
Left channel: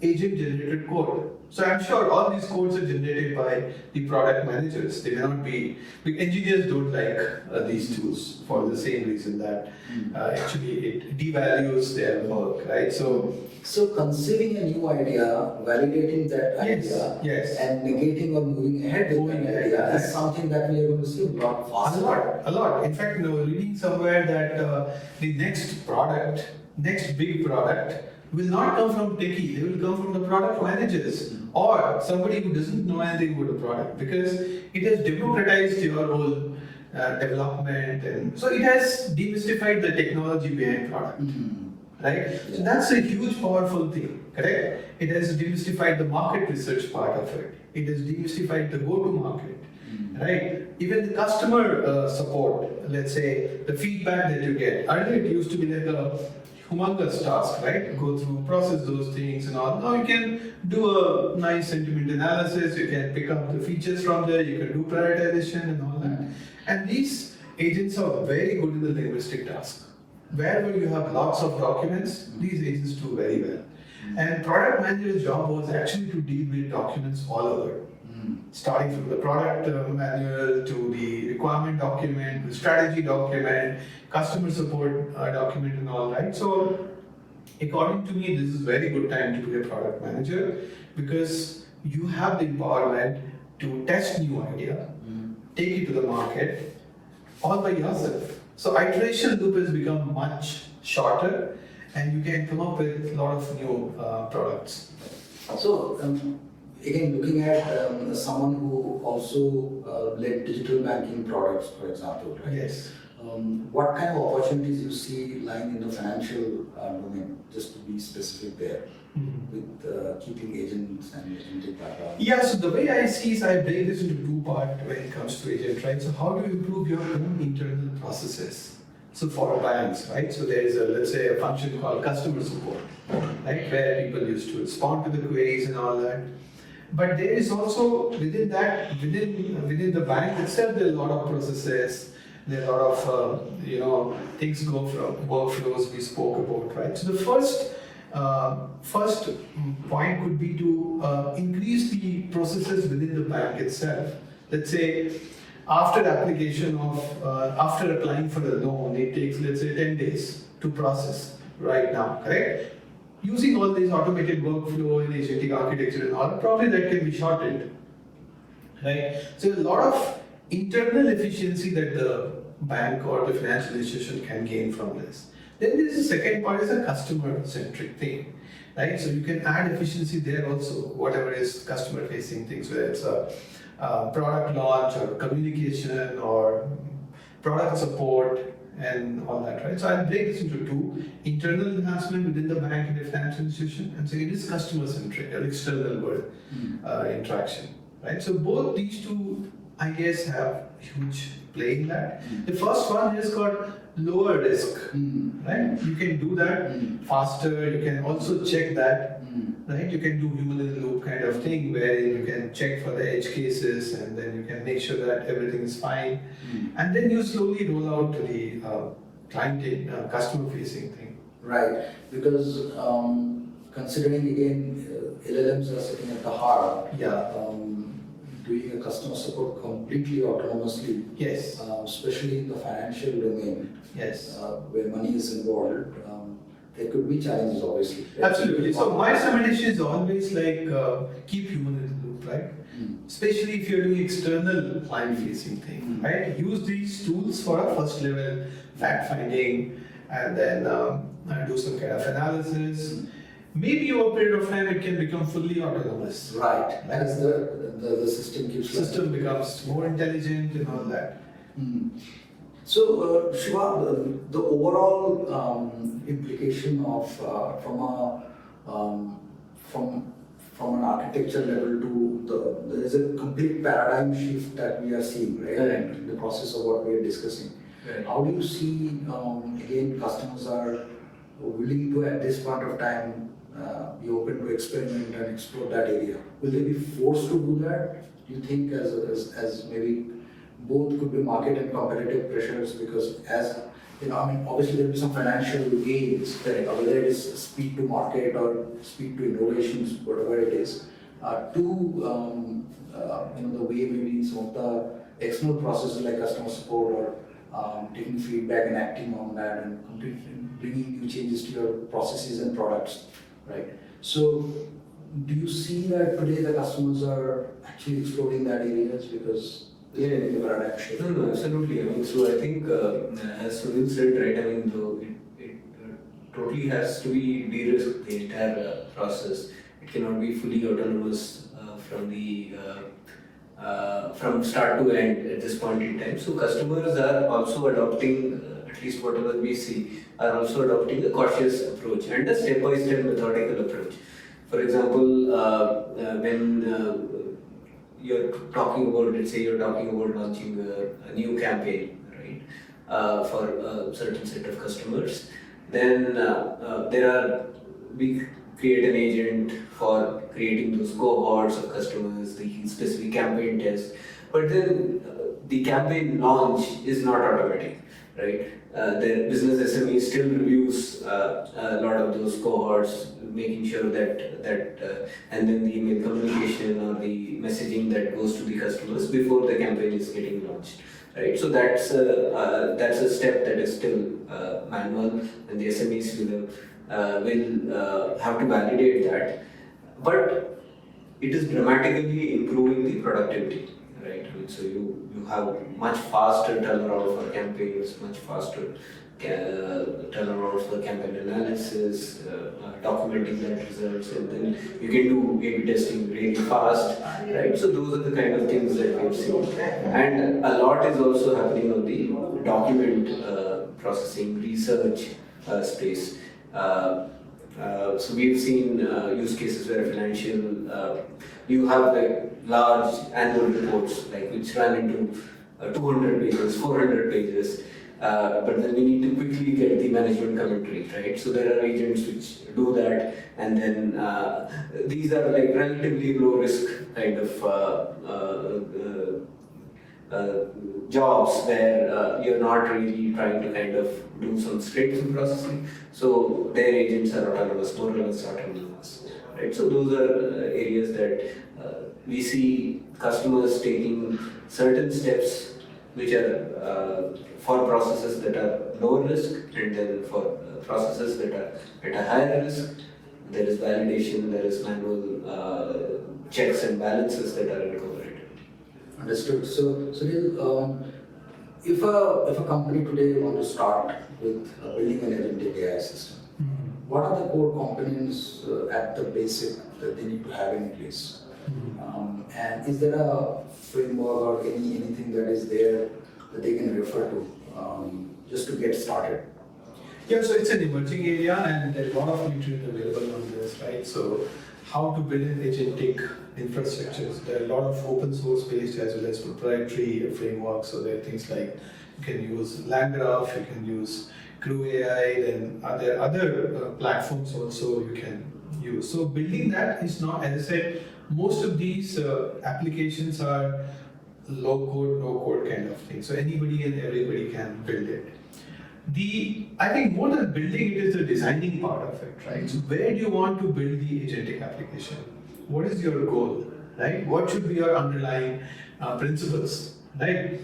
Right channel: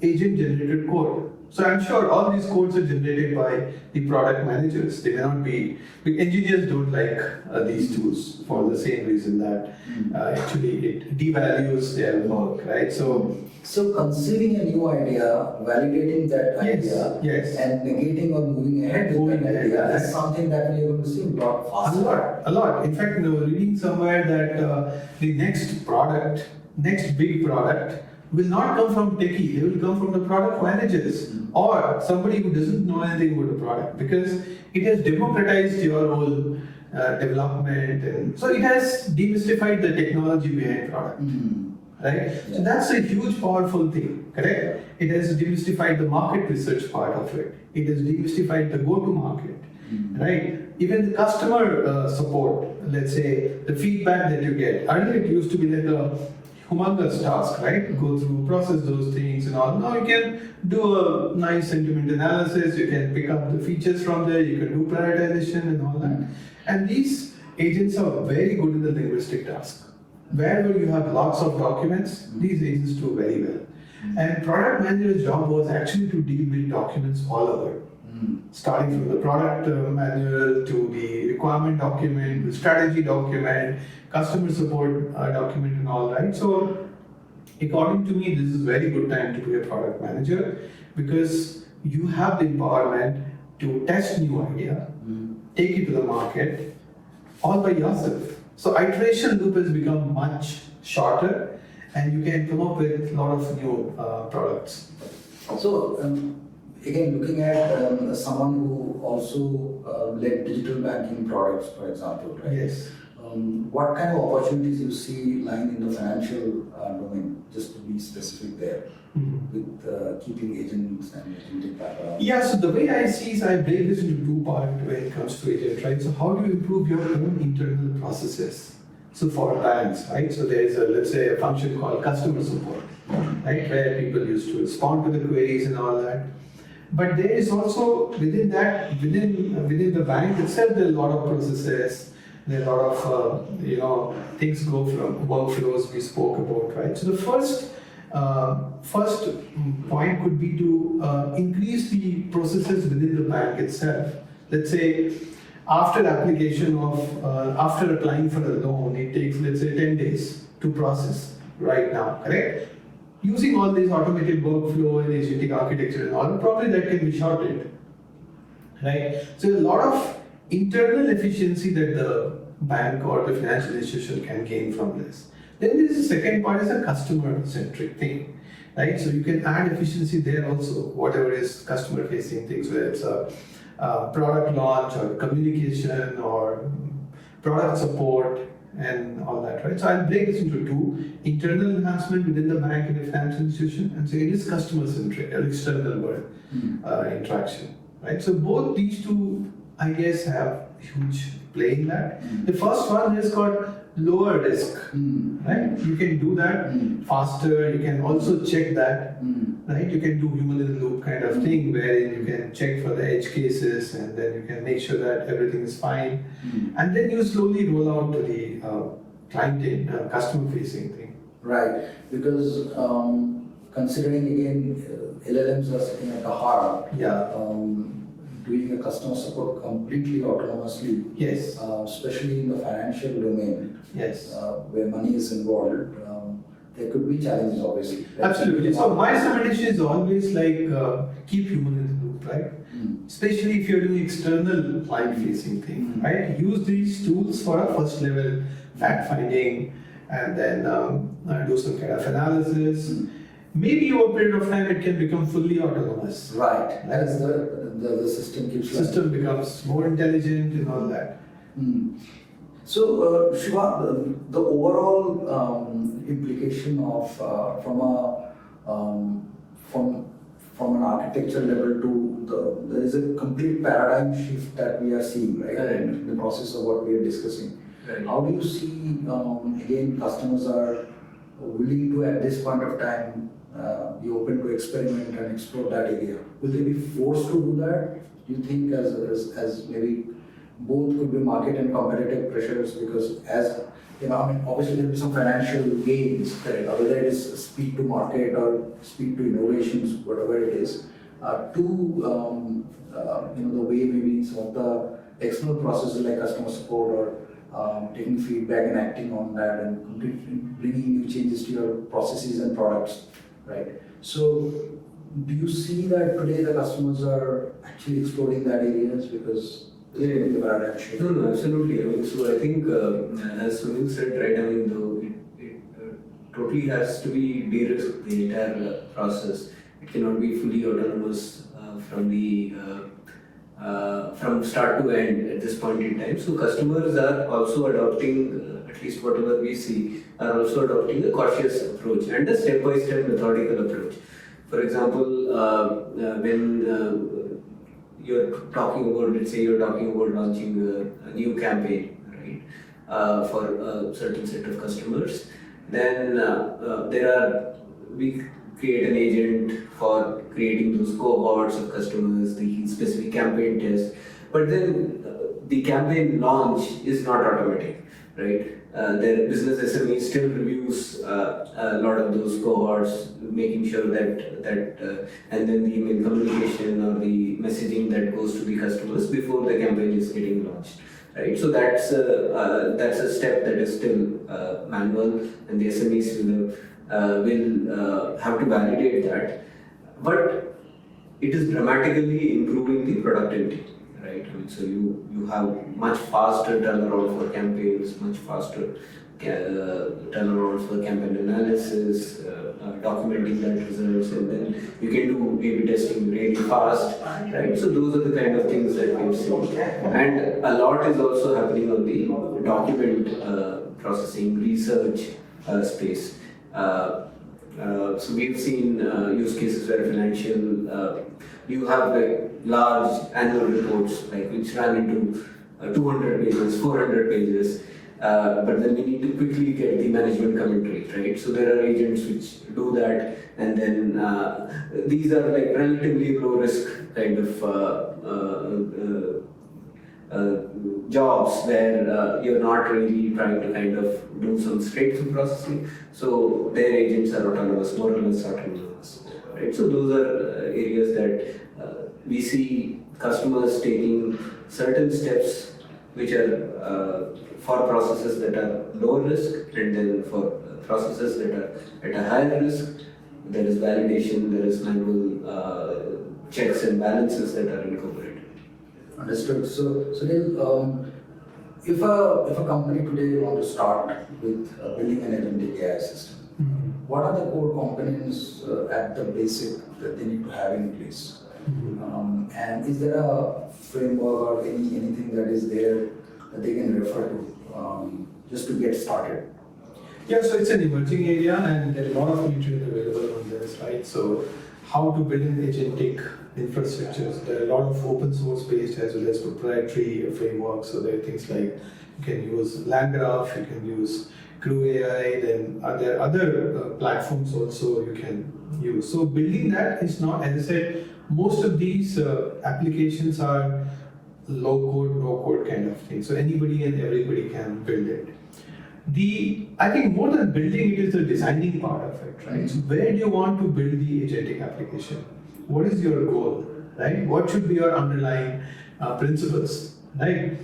agent-generated code. So I'm sure all these codes are generated by the product managers. They may not be, engineers don't like these tools for the same reason that actually it devalues their work, right? So conceiving a new idea, validating that idea, yes. and negating or moving ahead with that idea is something that we are going to see a lot faster. A lot. In fact, reading somewhere that the next big product will not come from techie, they will come from the product managers or somebody who doesn't know anything about the product, because it has democratized your whole development, and so it has demystified the technology behind product. Right? Yeah. So that's a huge, powerful thing, correct? It has demystified the market research part of it. It has demystified the go-to-market, right? Even the customer support, let's say, the feedback that you get. Earlier it used to be like a humongous task, right? Go through, process those things and all. Now you can do a nice sentiment analysis, you can pick up the features from there, you can do prioritization and all that. And these agents are very good in the linguistic task. Wherever you have lots of documents, these agents do very well. And product manager's job was actually to deal with documents all over. Starting from the product manual to the requirement document, the strategy document, customer support document and all that. So according to me, this is a very good time to be a product manager, because you have the empowerment to test new idea, take it to the market all by yourself. So iteration loop has become much shorter and you can come up with a lot of new products. So again, looking at someone who also led digital banking products, for example, right? Yes. What kind of opportunities you see lying in the financial domain, just to be specific there, with keeping agents and agentic background? Yeah, so the way I see is I break this into two parts when it comes to agent, right? So how do you improve your own internal processes? So for banks, right? So there is let's say a function called customer support, right? Where people used to respond to the queries and all that. But there is also within that, within the bank itself, there are a lot of processes. There are a lot of things go from workflows we spoke about, right? So the first point could be to increase the processes within the bank itself. Let's say after application of after applying for a loan, it takes, let's say, 10 days to process right now, correct? Using all these automated workflow and agentic architecture and all, probably that can be shortened, right? So a lot of internal efficiency that the bank or the financial institution can gain from this. Then there's the second part is a customer-centric thing, right? So you can add efficiency there also, whatever is customer-facing things, whether it's a product launch or communication or product support and all that, right? So I'll break this into two: internal enhancement within the bank and the financial institution, and second is customer-centric or external world interaction, right? So both these two, I guess, have huge play in that. The first one is called lower risk, right? You can do that faster. You can also check that, right? You can do human in the loop kind of thing where you can check for the edge cases and then you can make sure that everything is fine, and then you slowly roll out to the client customer facing thing. Right, because considering again LLMs are sitting at the heart, Yeah. doing a customer support completely autonomously, Yes. Especially in the financial domain, Yes. where money is involved, there could be challenges obviously. Right? Absolutely. So my recommendation is always like keep human in the loop, right? Especially if you're doing external client-facing thing, right? Use these tools for a first level fact finding, and then do some kind of analysis. Maybe over a period of time it can become fully autonomous. Right. As the system keeps System becomes more intelligent and all that. So, Shiva, the overall implication of from an architecture level to there is a complete paradigm shift that we are seeing, right? Correct. In the process of what we are discussing. Right. How do you see again customers are willing to at this point of time be open to experiment and explore that area? Will they be forced to do that? Do you think as maybe both could be market and competitive pressures, because as you know, I mean, obviously there will be some financial gains, whether it is speed to market or speed to innovations, whatever it is, the way maybe some of the external processes like customer support or taking feedback and acting on that and completely bringing new changes to your processes and products, right? So, do you see that today the customers are actually exploring that areas because the paradigm shift? No, absolutely. I mean, so I think, as Sunil said, right, I mean, it totally has to be de-risked, the entire process. It cannot be fully autonomous from start to end at this point in time. So customers are also adopting, at least whatever we see, are also adopting a cautious approach and a step-by-step methodical approach. For example, when you're talking about, let's say you're talking about launching a new campaign, right, for a certain set of customers, then we create an agent for creating those cohorts of customers, the specific campaign test, but then the campaign launch is not automatic, right? The business SME still reviews a lot of those cohorts, making sure that and then the email communication or the messaging that goes to the customers before the campaign is getting launched, right? So that's a step that is still manual, and the SMEs will have to validate that, but it is dramatically improving the productivity. Right, so you have much faster turnaround for campaigns, much faster turnaround for campaign analysis, documenting that results, and then you can do A/B testing really fast. Right, so those are the kind of things that we've seen, and a lot is also happening on the document processing research space. So we've seen use cases where financial, you have like large annual reports like which run into 200 pages, 400 pages, but then we need to quickly get the management commentary, right? So there are agents which do that, and then these are like relatively low risk kind of jobs where you're not really trying to kind of do some straight-through processing. So their agents are autonomous, more or less autonomous, right? So those are areas that we see customers taking certain steps which are for processes that are low risk, and then for processes that are at a higher risk, there is validation, there is manual checks and balances that are incorporated. Understood. So, Sunil, if a company today want to start with building an agentic AI system, what are the core components at the basic that they need to have in place? And is there a framework or anything that is there that they can refer to just to get started? Yeah, so it's an emerging area and there are a lot of literature available on this, right? So how to build an agentic infrastructures. There are a lot of open source based as well as proprietary frameworks. So there are things like you can use LangGraph, you can use Crew AI, then there are other platforms also you can use. So building that is not, as I said, most of these applications are low code, no code kind of thing. So anybody and everybody can build it. I think more than building it is the designing part of it, right? So where do you want to build the agentic application? What is your goal, right? What should be your underlying principles, right?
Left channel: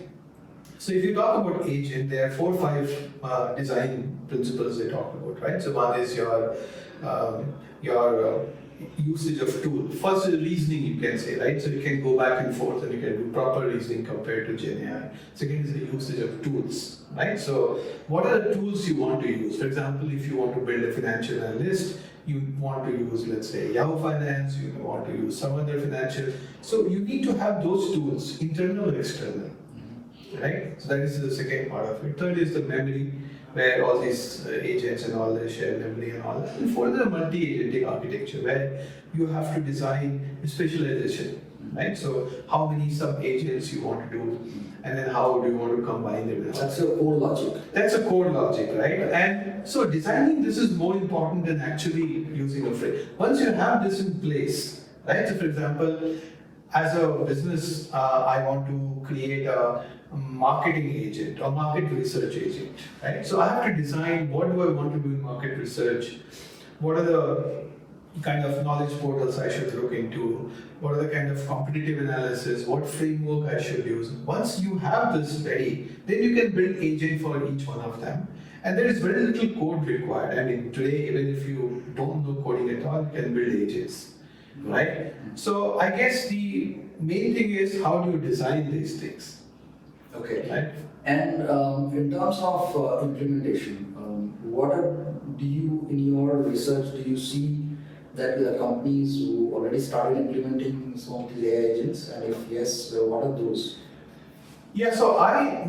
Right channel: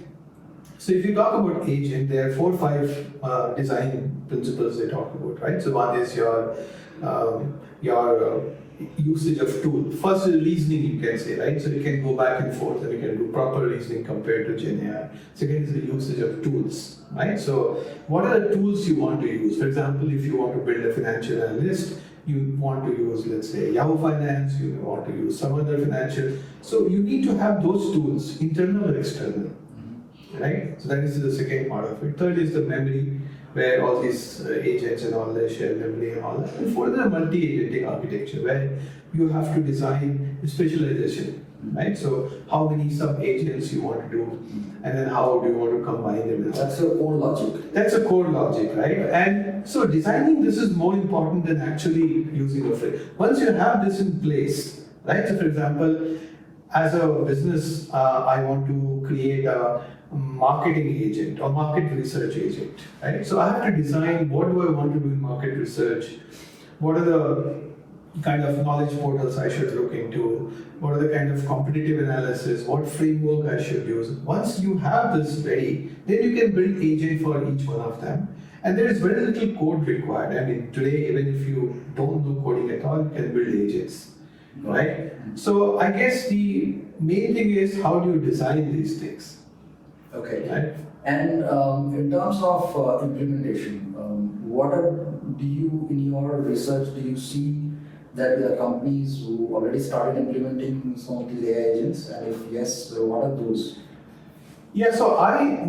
So if you talk about agent, there are 4 or 5 design principles they talk about, right? So one is your usage of tool. First is reasoning, you can say, right? So you can go back and forth and you can do proper reasoning compared to Gen AI. Second is the usage of tools, right? So what are the tools you want to use? For example, if you want to build a financial analyst, you want to use, let's say, Yahoo Finance, you want to use some other financial. So you need to have those tools, internal or external, right? So that is the second part of it. Third is the memory, where all these agents and all that share memory and all that. And fourth, the multi-agentic architecture, where you have to design specialization, right? So how many sub-agents you want to do, and then how do you want to combine them? That's your core logic. That's a core logic, right? And so designing this is more important than actually using a frame. Once you have this in place, right? So for example, as a business, I want to create a marketing agent or market research agent, right? So I have to design what do I want to do in market research, what are the kind of knowledge portals I should look into, what are the kind of competitive analysis, what framework I should use. Once you have this ready, then you can build agent for each one of them. And there is very little code required. I mean, today, even if you don't know coding at all, you can build agents, right? So I guess the main thing is how do you design these things? Okay. Right? And in terms of implementation, do you, in your research, do you see that there are companies who already started implementing some of these AI agents? And if yes, what are those? Yeah, so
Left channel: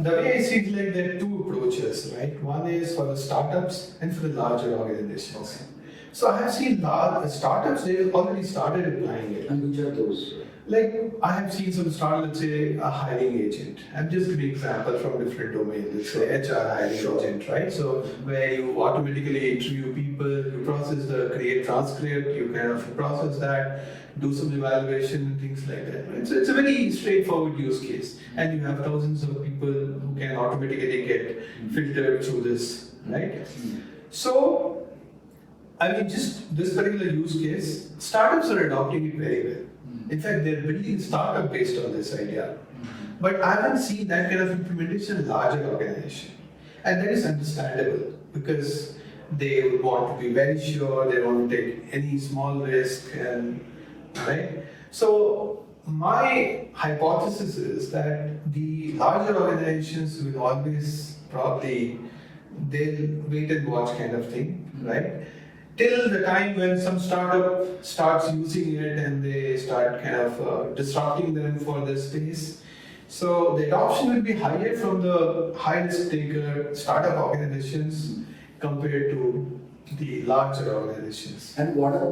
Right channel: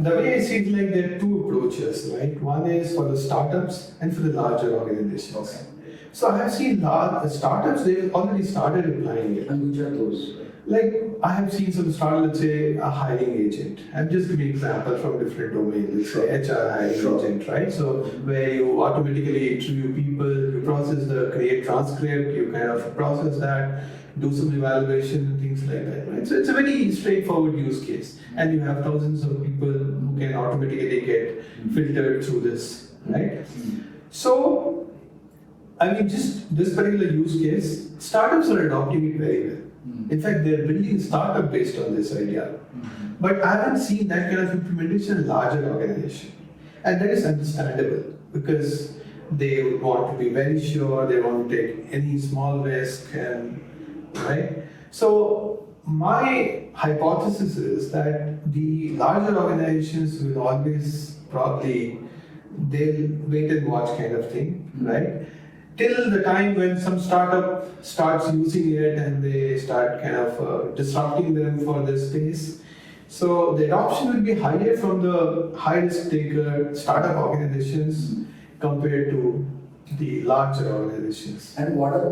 the way I see it, like there are 2 approaches, right? One is for the startups and for the larger organizations. Okay. So I have seen large startups, they've already started applying it. And which are those? Like I have seen some startup, let's say a hiring agent. I'm just giving example from different domains. Let's say HR hiring agent, right? So where you automatically interview people, you create transcript, you kind of process that, do some evaluation and things like that, right? So it's a very straightforward use case, and you have thousands of people who can automatically get filtered through this, right? So I mean, just this particular use case, startups are adopting it very well. In fact, they're building startup based on this idea. But I haven't seen that kind of implementation in larger organization. And that is understandable because they would want to be very sure, they want to take any small risk, and right? So my hypothesis is that the larger organizations will always they'll wait and watch kind of thing, right? Till the time when some startup starts using it and they start kind of disrupting them for this space. So the adoption will be higher from the high risk taker startup organizations compared to the larger organizations. And what are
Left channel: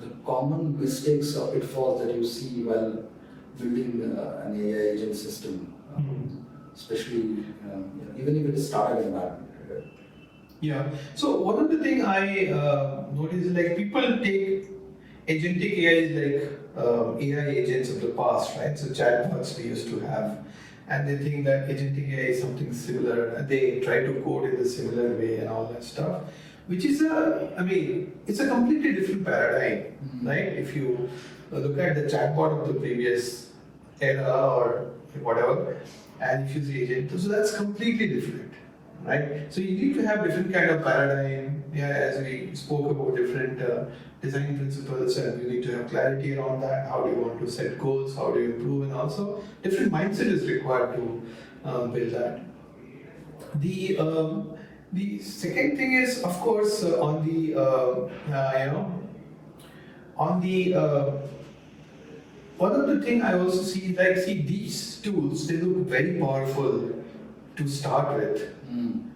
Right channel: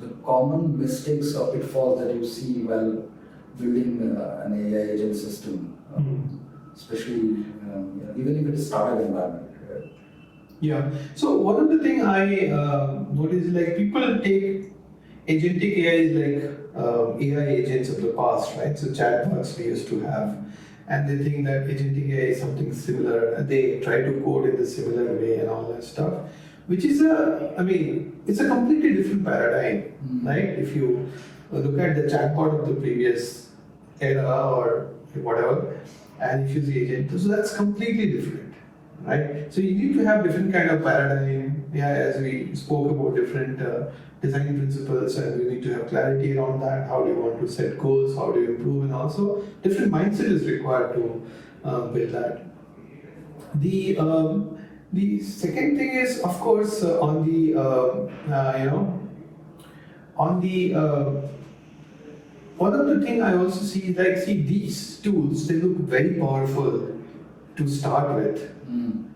the common mistakes or pitfalls that you see while building an AI agent system, especially even if it is startup environment? Yeah. So one of the thing I notice is like people take agentic AI is like AI agents of the past, right? So chatbots we used to have, and they think that agentic AI is something similar, and they try to code in a similar way and all that stuff, which is it's a completely different paradigm, right? If you look at the chatbot of the previous era or whatever, and if you see agent, so that's completely different. Right, so you need to have different kind of paradigm. Yeah, as we spoke about different design principles, and you need to have clarity around that. How do you want to set goals? How do you improve? And also, different mindset is required to build that. The second thing is, of course, on the on the one of the thing I also see, like, see, these tools, they look very powerful to start with.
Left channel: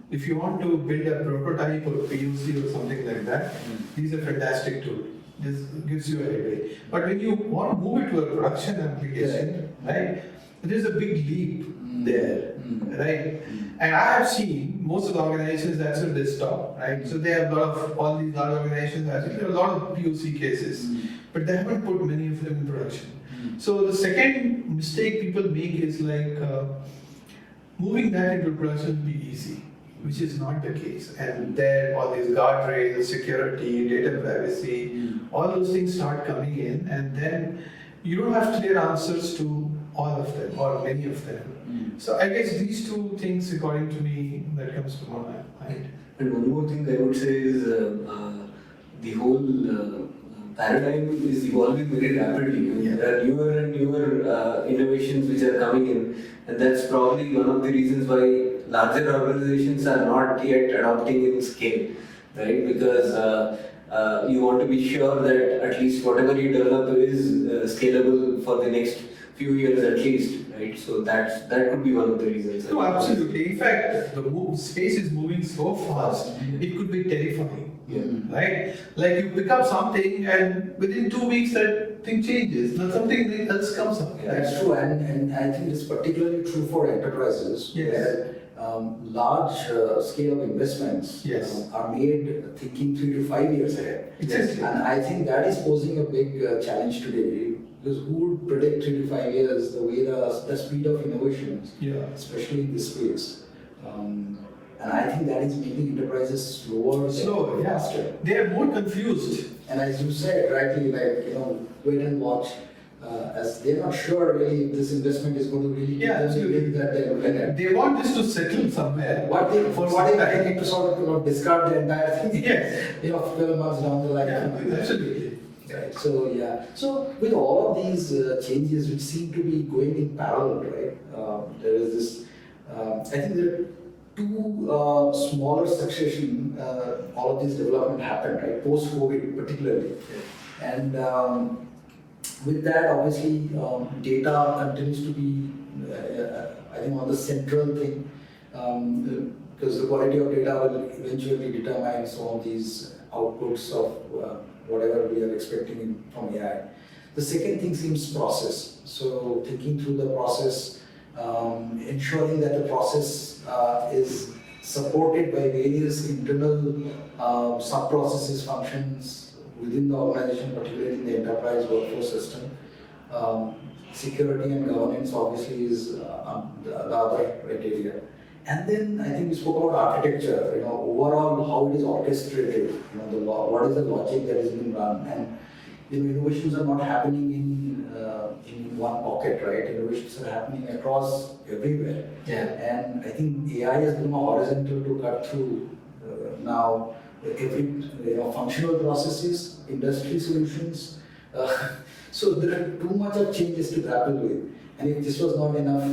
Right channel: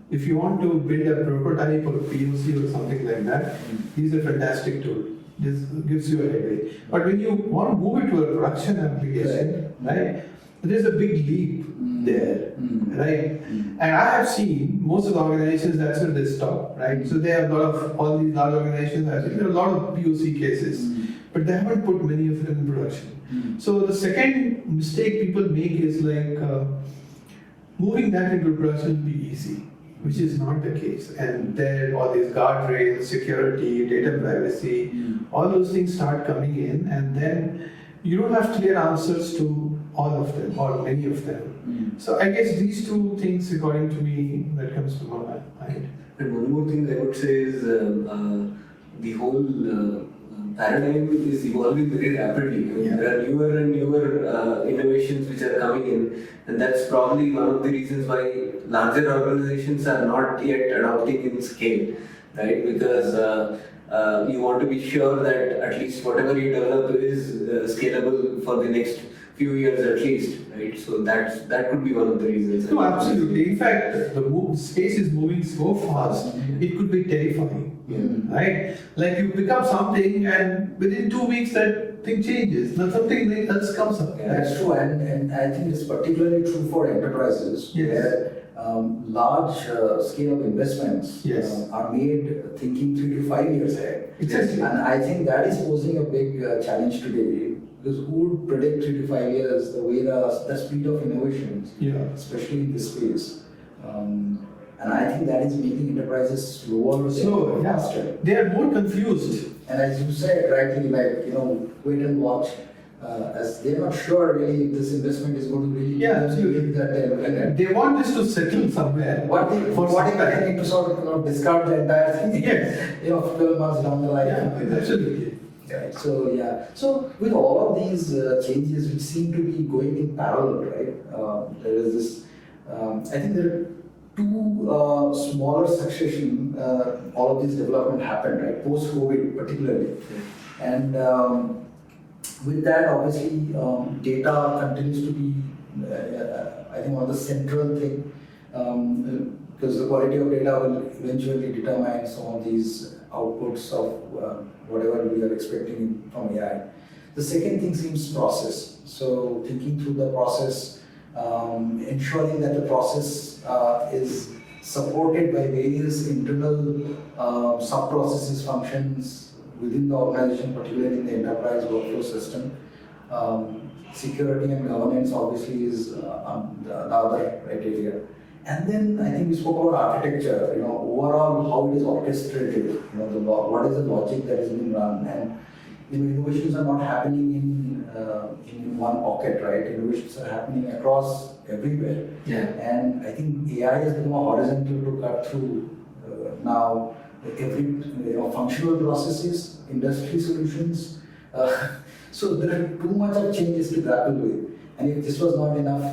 If you want to build a prototype or a POC or something like that, these are fantastic tools. This gives you a headway. But when you want to move it to a production application, right, there's a big leap there, right? And I have seen most of the organizations, that's where they stop, right? So they have a lot of, all these large organizations, I think there are a lot of POC cases, but they haven't put many of them in production. So the second mistake people make is like, moving that into production will be easy, which is not the case. And there, all these guardrails, security, data privacy, all those things start coming in, and then you don't have clear answers to all of them or many of them. So I guess these two things, according to me, that comes to my mind. And one more thing I would say is the whole paradigm is evolving very rapidly. There are newer and newer innovations which are coming in, and that's probably one of the reasons why larger organizations are not yet adopting in scale, right? Because you want to be sure that at least whatever you develop is scalable for the next few years at least, right? So that could be one of the reasons. No, absolutely. In fact, the space is moving so fast, it could be terrifying. Right? Like you pick up something and within 2 weeks that thing changes. Now something else comes up. That's true, and I think it's particularly true for enterprises where large scale of investments are made thinking 3 to 5 years ahead. Exactly. And I think that is posing a big challenge today, because who would predict 3 to 5 years the way the speed of innovations, especially in this space. And I think that is making enterprises slower, faster. They are more confused. And as you said rightly, like, wait and watch, as they're not sure really if this investment is going to really absolutely. That they want this to settle somewhere. What if they need to sort of discard the entire thing? 12 months down the line. Absolutely. Right. So with all of these changes which seem to be going in parallel, right? There is this. I think there are two smaller succession. All of this development happened, right? Post-COVID, particularly, and with that, obviously, data continues to be, I think, one of the central thing, because the quality of data will eventually determine some of these outputs of whatever we are expecting from AI. The second thing seems process. So thinking through the process, ensuring that the process is supported by various internal sub-processes, functions within the organization, particularly in the enterprise workflow system. Security and governance obviously is the other criteria. And then I think we spoke about architecture, overall how it is orchestrated, what is the logic that is being run, and innovations are not happening in one pocket, right? Innovations are happening across everywhere. And I think AI has become a horizontal to cut through now every functional processes, industry solutions. So there are too much of changes to grapple with. And if this was not enough,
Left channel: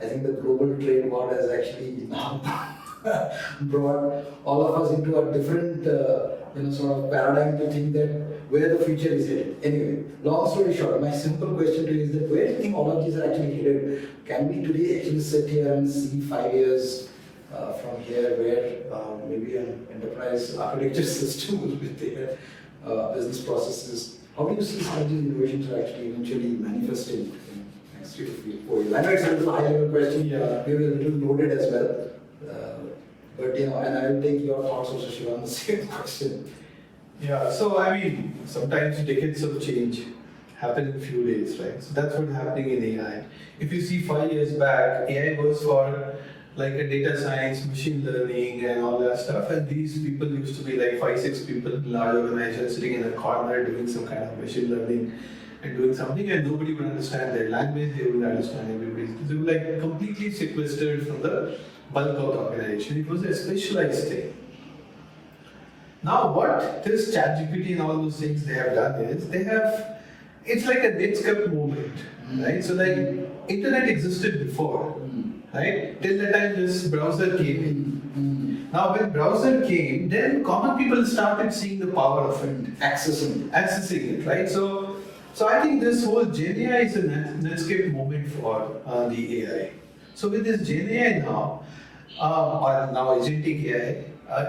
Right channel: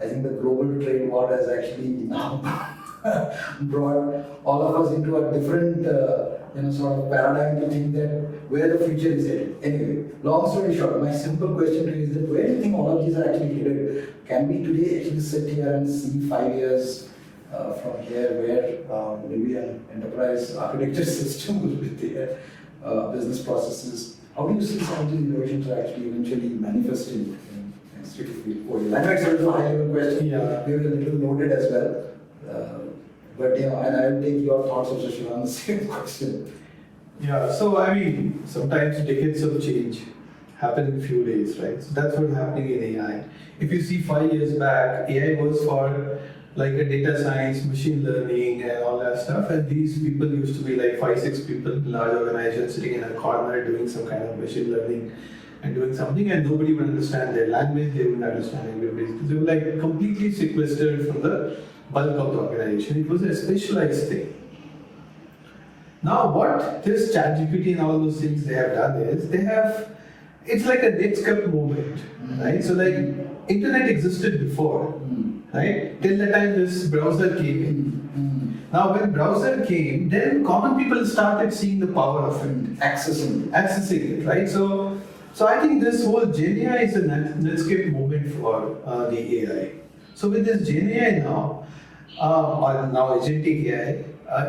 I think the global trade war has actually now brought all of us into a different sort of paradigm to think that where the future is headed. Anyway, long story short, my simple question to you is that where do you think all of these are actually headed? Can we today actually sit here and see 5 years from here where maybe an enterprise architecture system will be there, business processes? How do you see some of these innovations are actually eventually manifesting in next 3 to 4 years? I know it's a little high level question, maybe a little loaded as well. But and I will take your thoughts also, Shiva, on the same question. So I mean, sometimes decades of change happen in a few days, right? So that's what's happening in AI. If you see 5 years back, AI was for like a data science, machine learning, and all that stuff. And these people used to be like 5-6 people in large organizations sitting in a corner doing some kind of machine learning and doing something, and nobody would understand their language. They wouldn't understand everybody's. They were like completely sequestered from the bulk of the organization. It was a specialized thing. Now what this ChatGPT and all those things they have done is it's like a Netscape moment, right? So like internet existed before, right? Till the time this browser came in. Now, when browser came, then common people started seeing the power of it, accessing it, right? So I think this whole Gen AI is a Netscape moment for the AI. So with this Gen AI now, or now Agentic AI,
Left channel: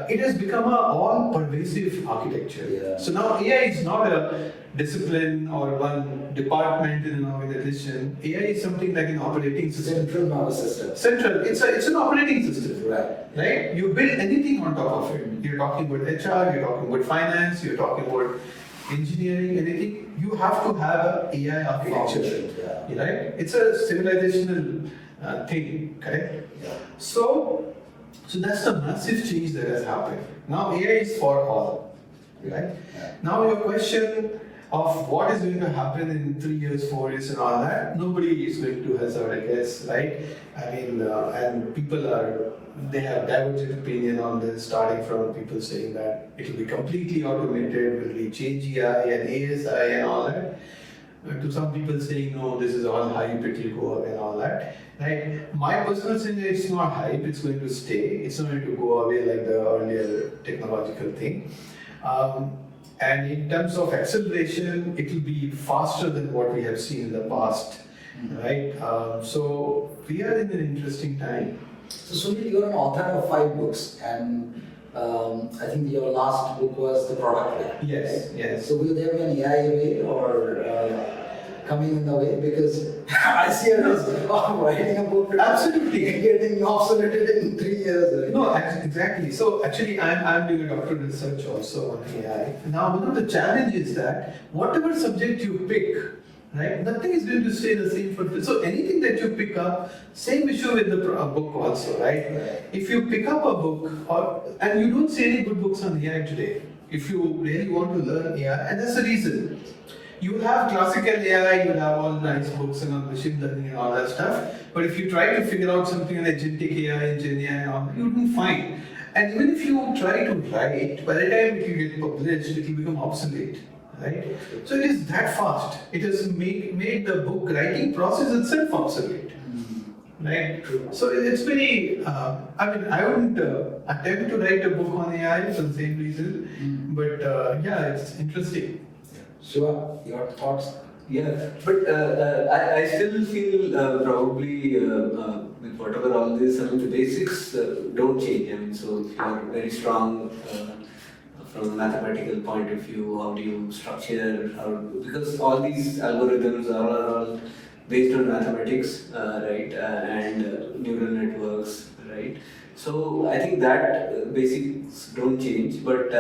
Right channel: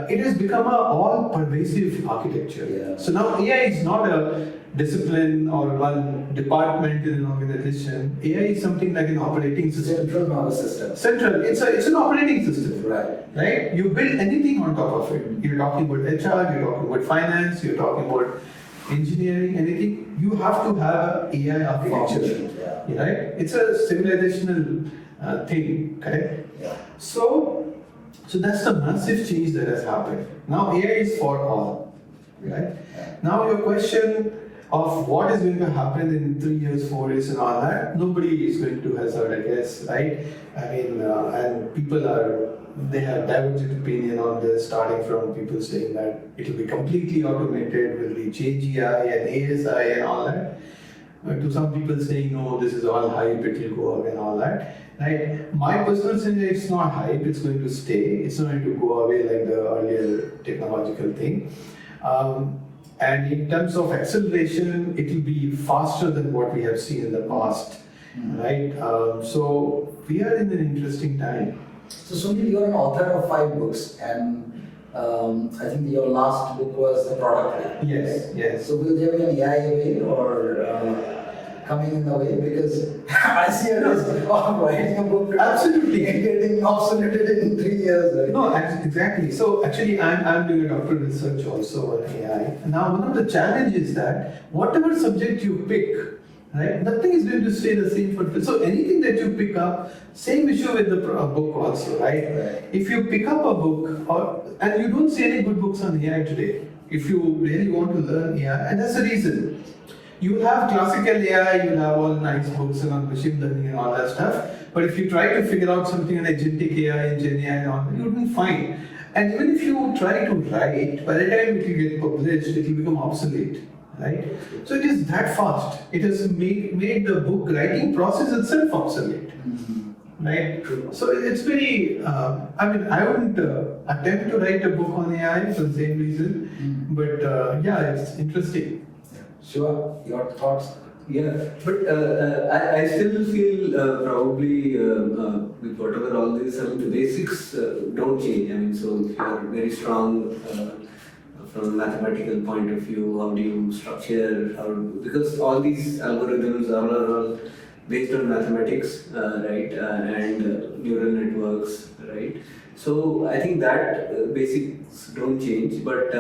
it has become a all-pervasive architecture. Yeah. So now AI is not a discipline or one department in an organization. AI is something like an operating system. Central nervous system. Central. It's an operating system. Right. Right? You build anything on top of it. You're talking about HR, you're talking about finance, you're talking about engineering, anything. You have to have an AI architecture. Yeah. Right? It's a civilizational thing, correct? Yeah. So that's the massive change that has happened. Now AI is for all, right? Yeah. Now your question of what is going to happen in 3 years, 4 years, and all that, nobody is going to hazard, I guess, right? I mean, and they have divergent opinion on this, starting from people saying that it will be completely automated, will reach AGI and ASI and all that. To some people saying, no, this is all hype, it will go away and all that. Right? My personal sense is it's not hype, it's going to stay. It's not going to go away like the earlier technological thing. And in terms of acceleration, it will be faster than what we have seen in the past. Right? So we are in an interesting time. So Sunil, you're an author of 5 books, and I think your last book was The Product Way. Yes, right? yes. So will there be an AI way or coming in the way? Because I see it as writing a book. Absolutely. Getting obsoleted in 3 years. Right? No, exactly. So actually, I'm doing a doctoral research also on AI. Now, one of the challenges is that whatever subject you pick, right, nothing is going to stay the same for. So anything that you pick up, same issue with the book also, right? If you pick up a book, and you don't see any good books on AI today, if you really want to learn AI, and that's the reason. You have classical AI, you have all nice books and on machine learning and all that stuff. But if you try to figure out something on agentic AI and Gen AI and all that, you wouldn't find. And even if you try to write, by the time it will get published, it will become obsolete. Right? So it is that fast. It has made the book writing process itself obsolete. Right? So it's very, I wouldn't attempt to write a book on AI for the same reason. But yeah, it's interesting. Sure, your thoughts? Yeah, but I still feel probably with whatever all this, I mean, the basics don't change. I mean, so if you're very strong from a mathematical point of view, how do you structure, because all these algorithms are all based on mathematics, right, and neural networks, right? So I think that basics don't change, but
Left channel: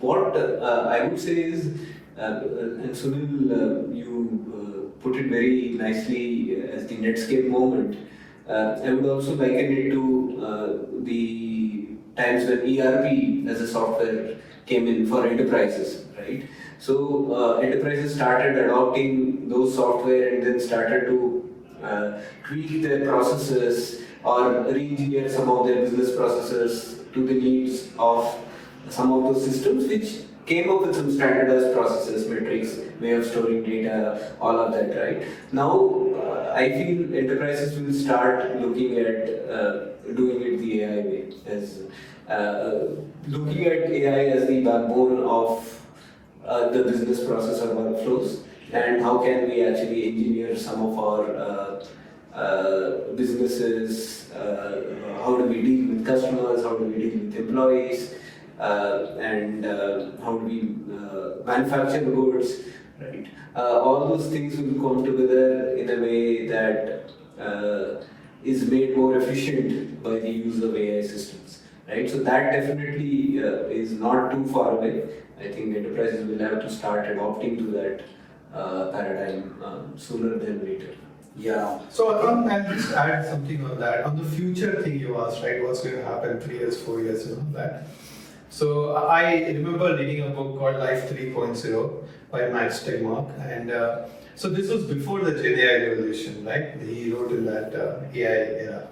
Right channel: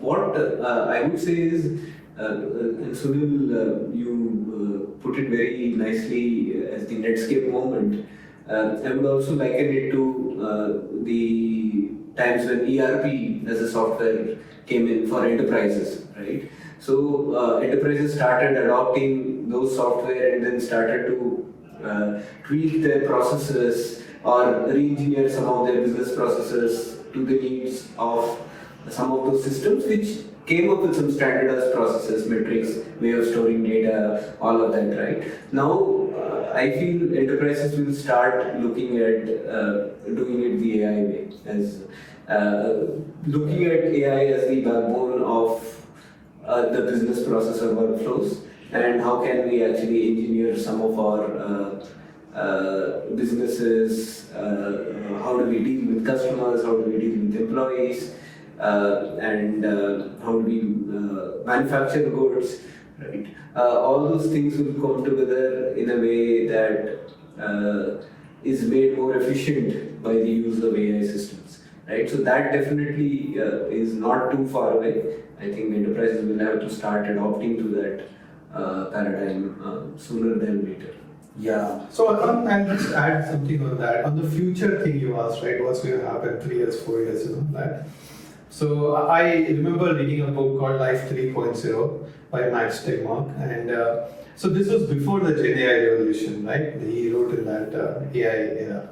what I would say is, and Sunil, you put it very nicely as the Netscape moment. I would also liken it to the times when ERP as a software came in for enterprises, right? So enterprises started adopting those software and then started to tweak their processes or re-engineer some of their business processes to the needs of some of those systems, which came up with some standardized processes, metrics, way of storing data, all of that, right? Now, I feel enterprises will start looking at doing it the AI way, as looking at AI as the backbone of the business process or workflows, and how can we actually engineer some of our businesses, how do we deal with customers, how do we deal with employees, and how do we manufacture goods, right? All those things will come together in a way that is made more efficient by the use of AI systems, right? So that definitely is not too far away. I think enterprises will have to start adopting to that paradigm sooner than later. Yeah. So I'll just add something on that. On the future thing you asked, right? What's going to happen 3 years, 4 years, and all that. So I remember reading a book called Life 3.0 by Max Tegmark, and so this was before the Gen AI revolution, right? He wrote in that AI era,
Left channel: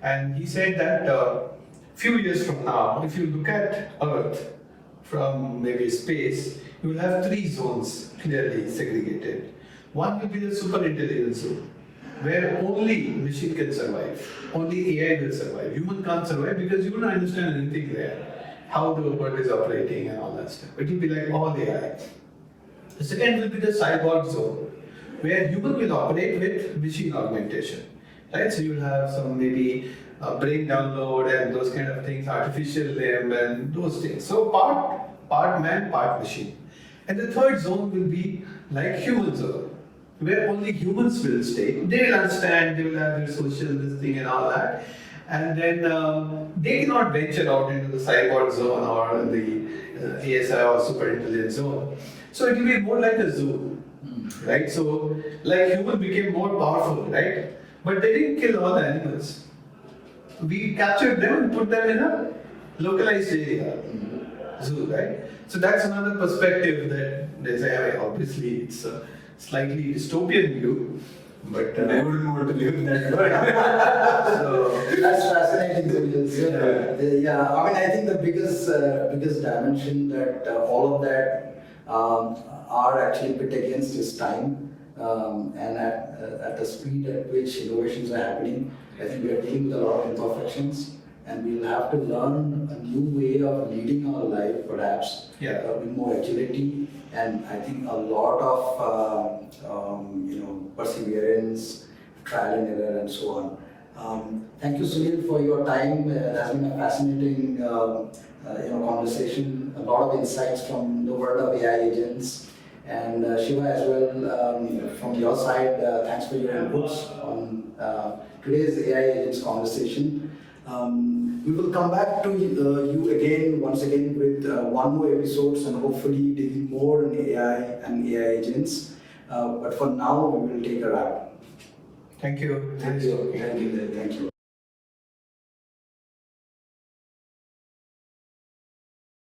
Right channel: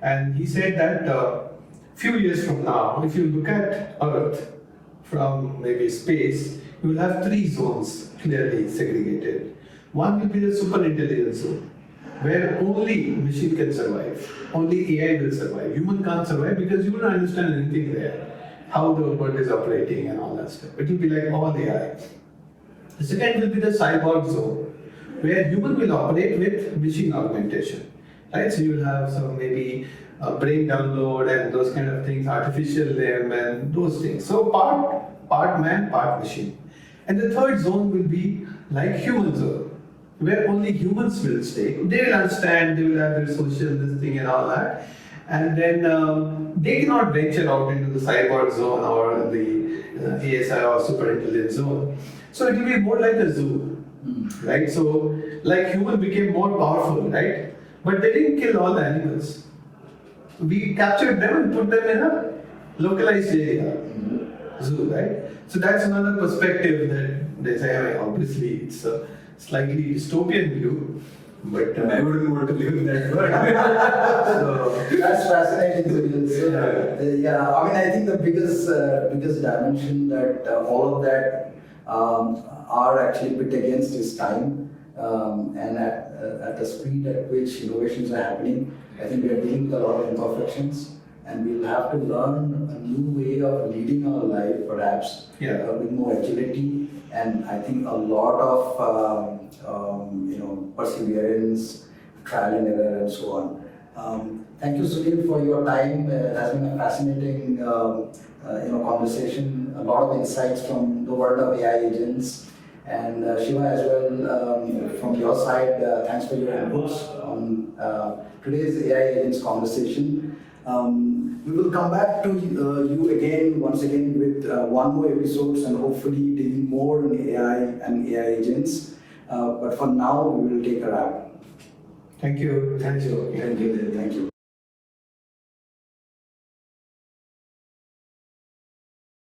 and he said that few years from now, if you look at Earth from maybe space, you will have 3 zones clearly segregated. One will be the super intelligence zone, where only machine can survive, only AI will survive. Human can't survive because you don't understand anything there, how the world is operating and all that stuff. It will be like all AI. The second will be the cyborg zone, where human will operate with machine augmentation, right? So you'll have some maybe brain download and those kind of things, artificial limb and those things. So part man, part machine. And the third zone will be like human zone, where only humans will stay. They will understand, they will have their social this thing and all that. And then they cannot venture out into the cyborg zone or the ASI or super intelligence zone. So it will be more like a zoo, right? So like human became more powerful, right? But they didn't kill all the animals. We captured them and put them in a localized area, zoo, right? So that's another perspective that they say. I mean, obviously, it's a slightly dystopian view, but I wouldn't want to live in that world. so That's fascinating, Sunil. So, yeah, I mean, I think the biggest dimension that all of that are actually put against is time, and at the speed at which innovations are happening, I think we are dealing with a lot of imperfections, and we'll have to learn a new way of leading our life, perhaps, Yeah. with more agility, and I think a lot of perseverance, trial and error, and so on. Thank you, Sunil, for your time. It has been a fascinating conversation. A lot of insights from the world of AI agents. And Shiva as well, from your side, thanks for your inputs on today's AI agents conversation. We will come back to you again, once again, with one more episodes and hopefully digging more on AI and AI agents. But for now, we will take a wrap. thank you. Thank you. Thank you.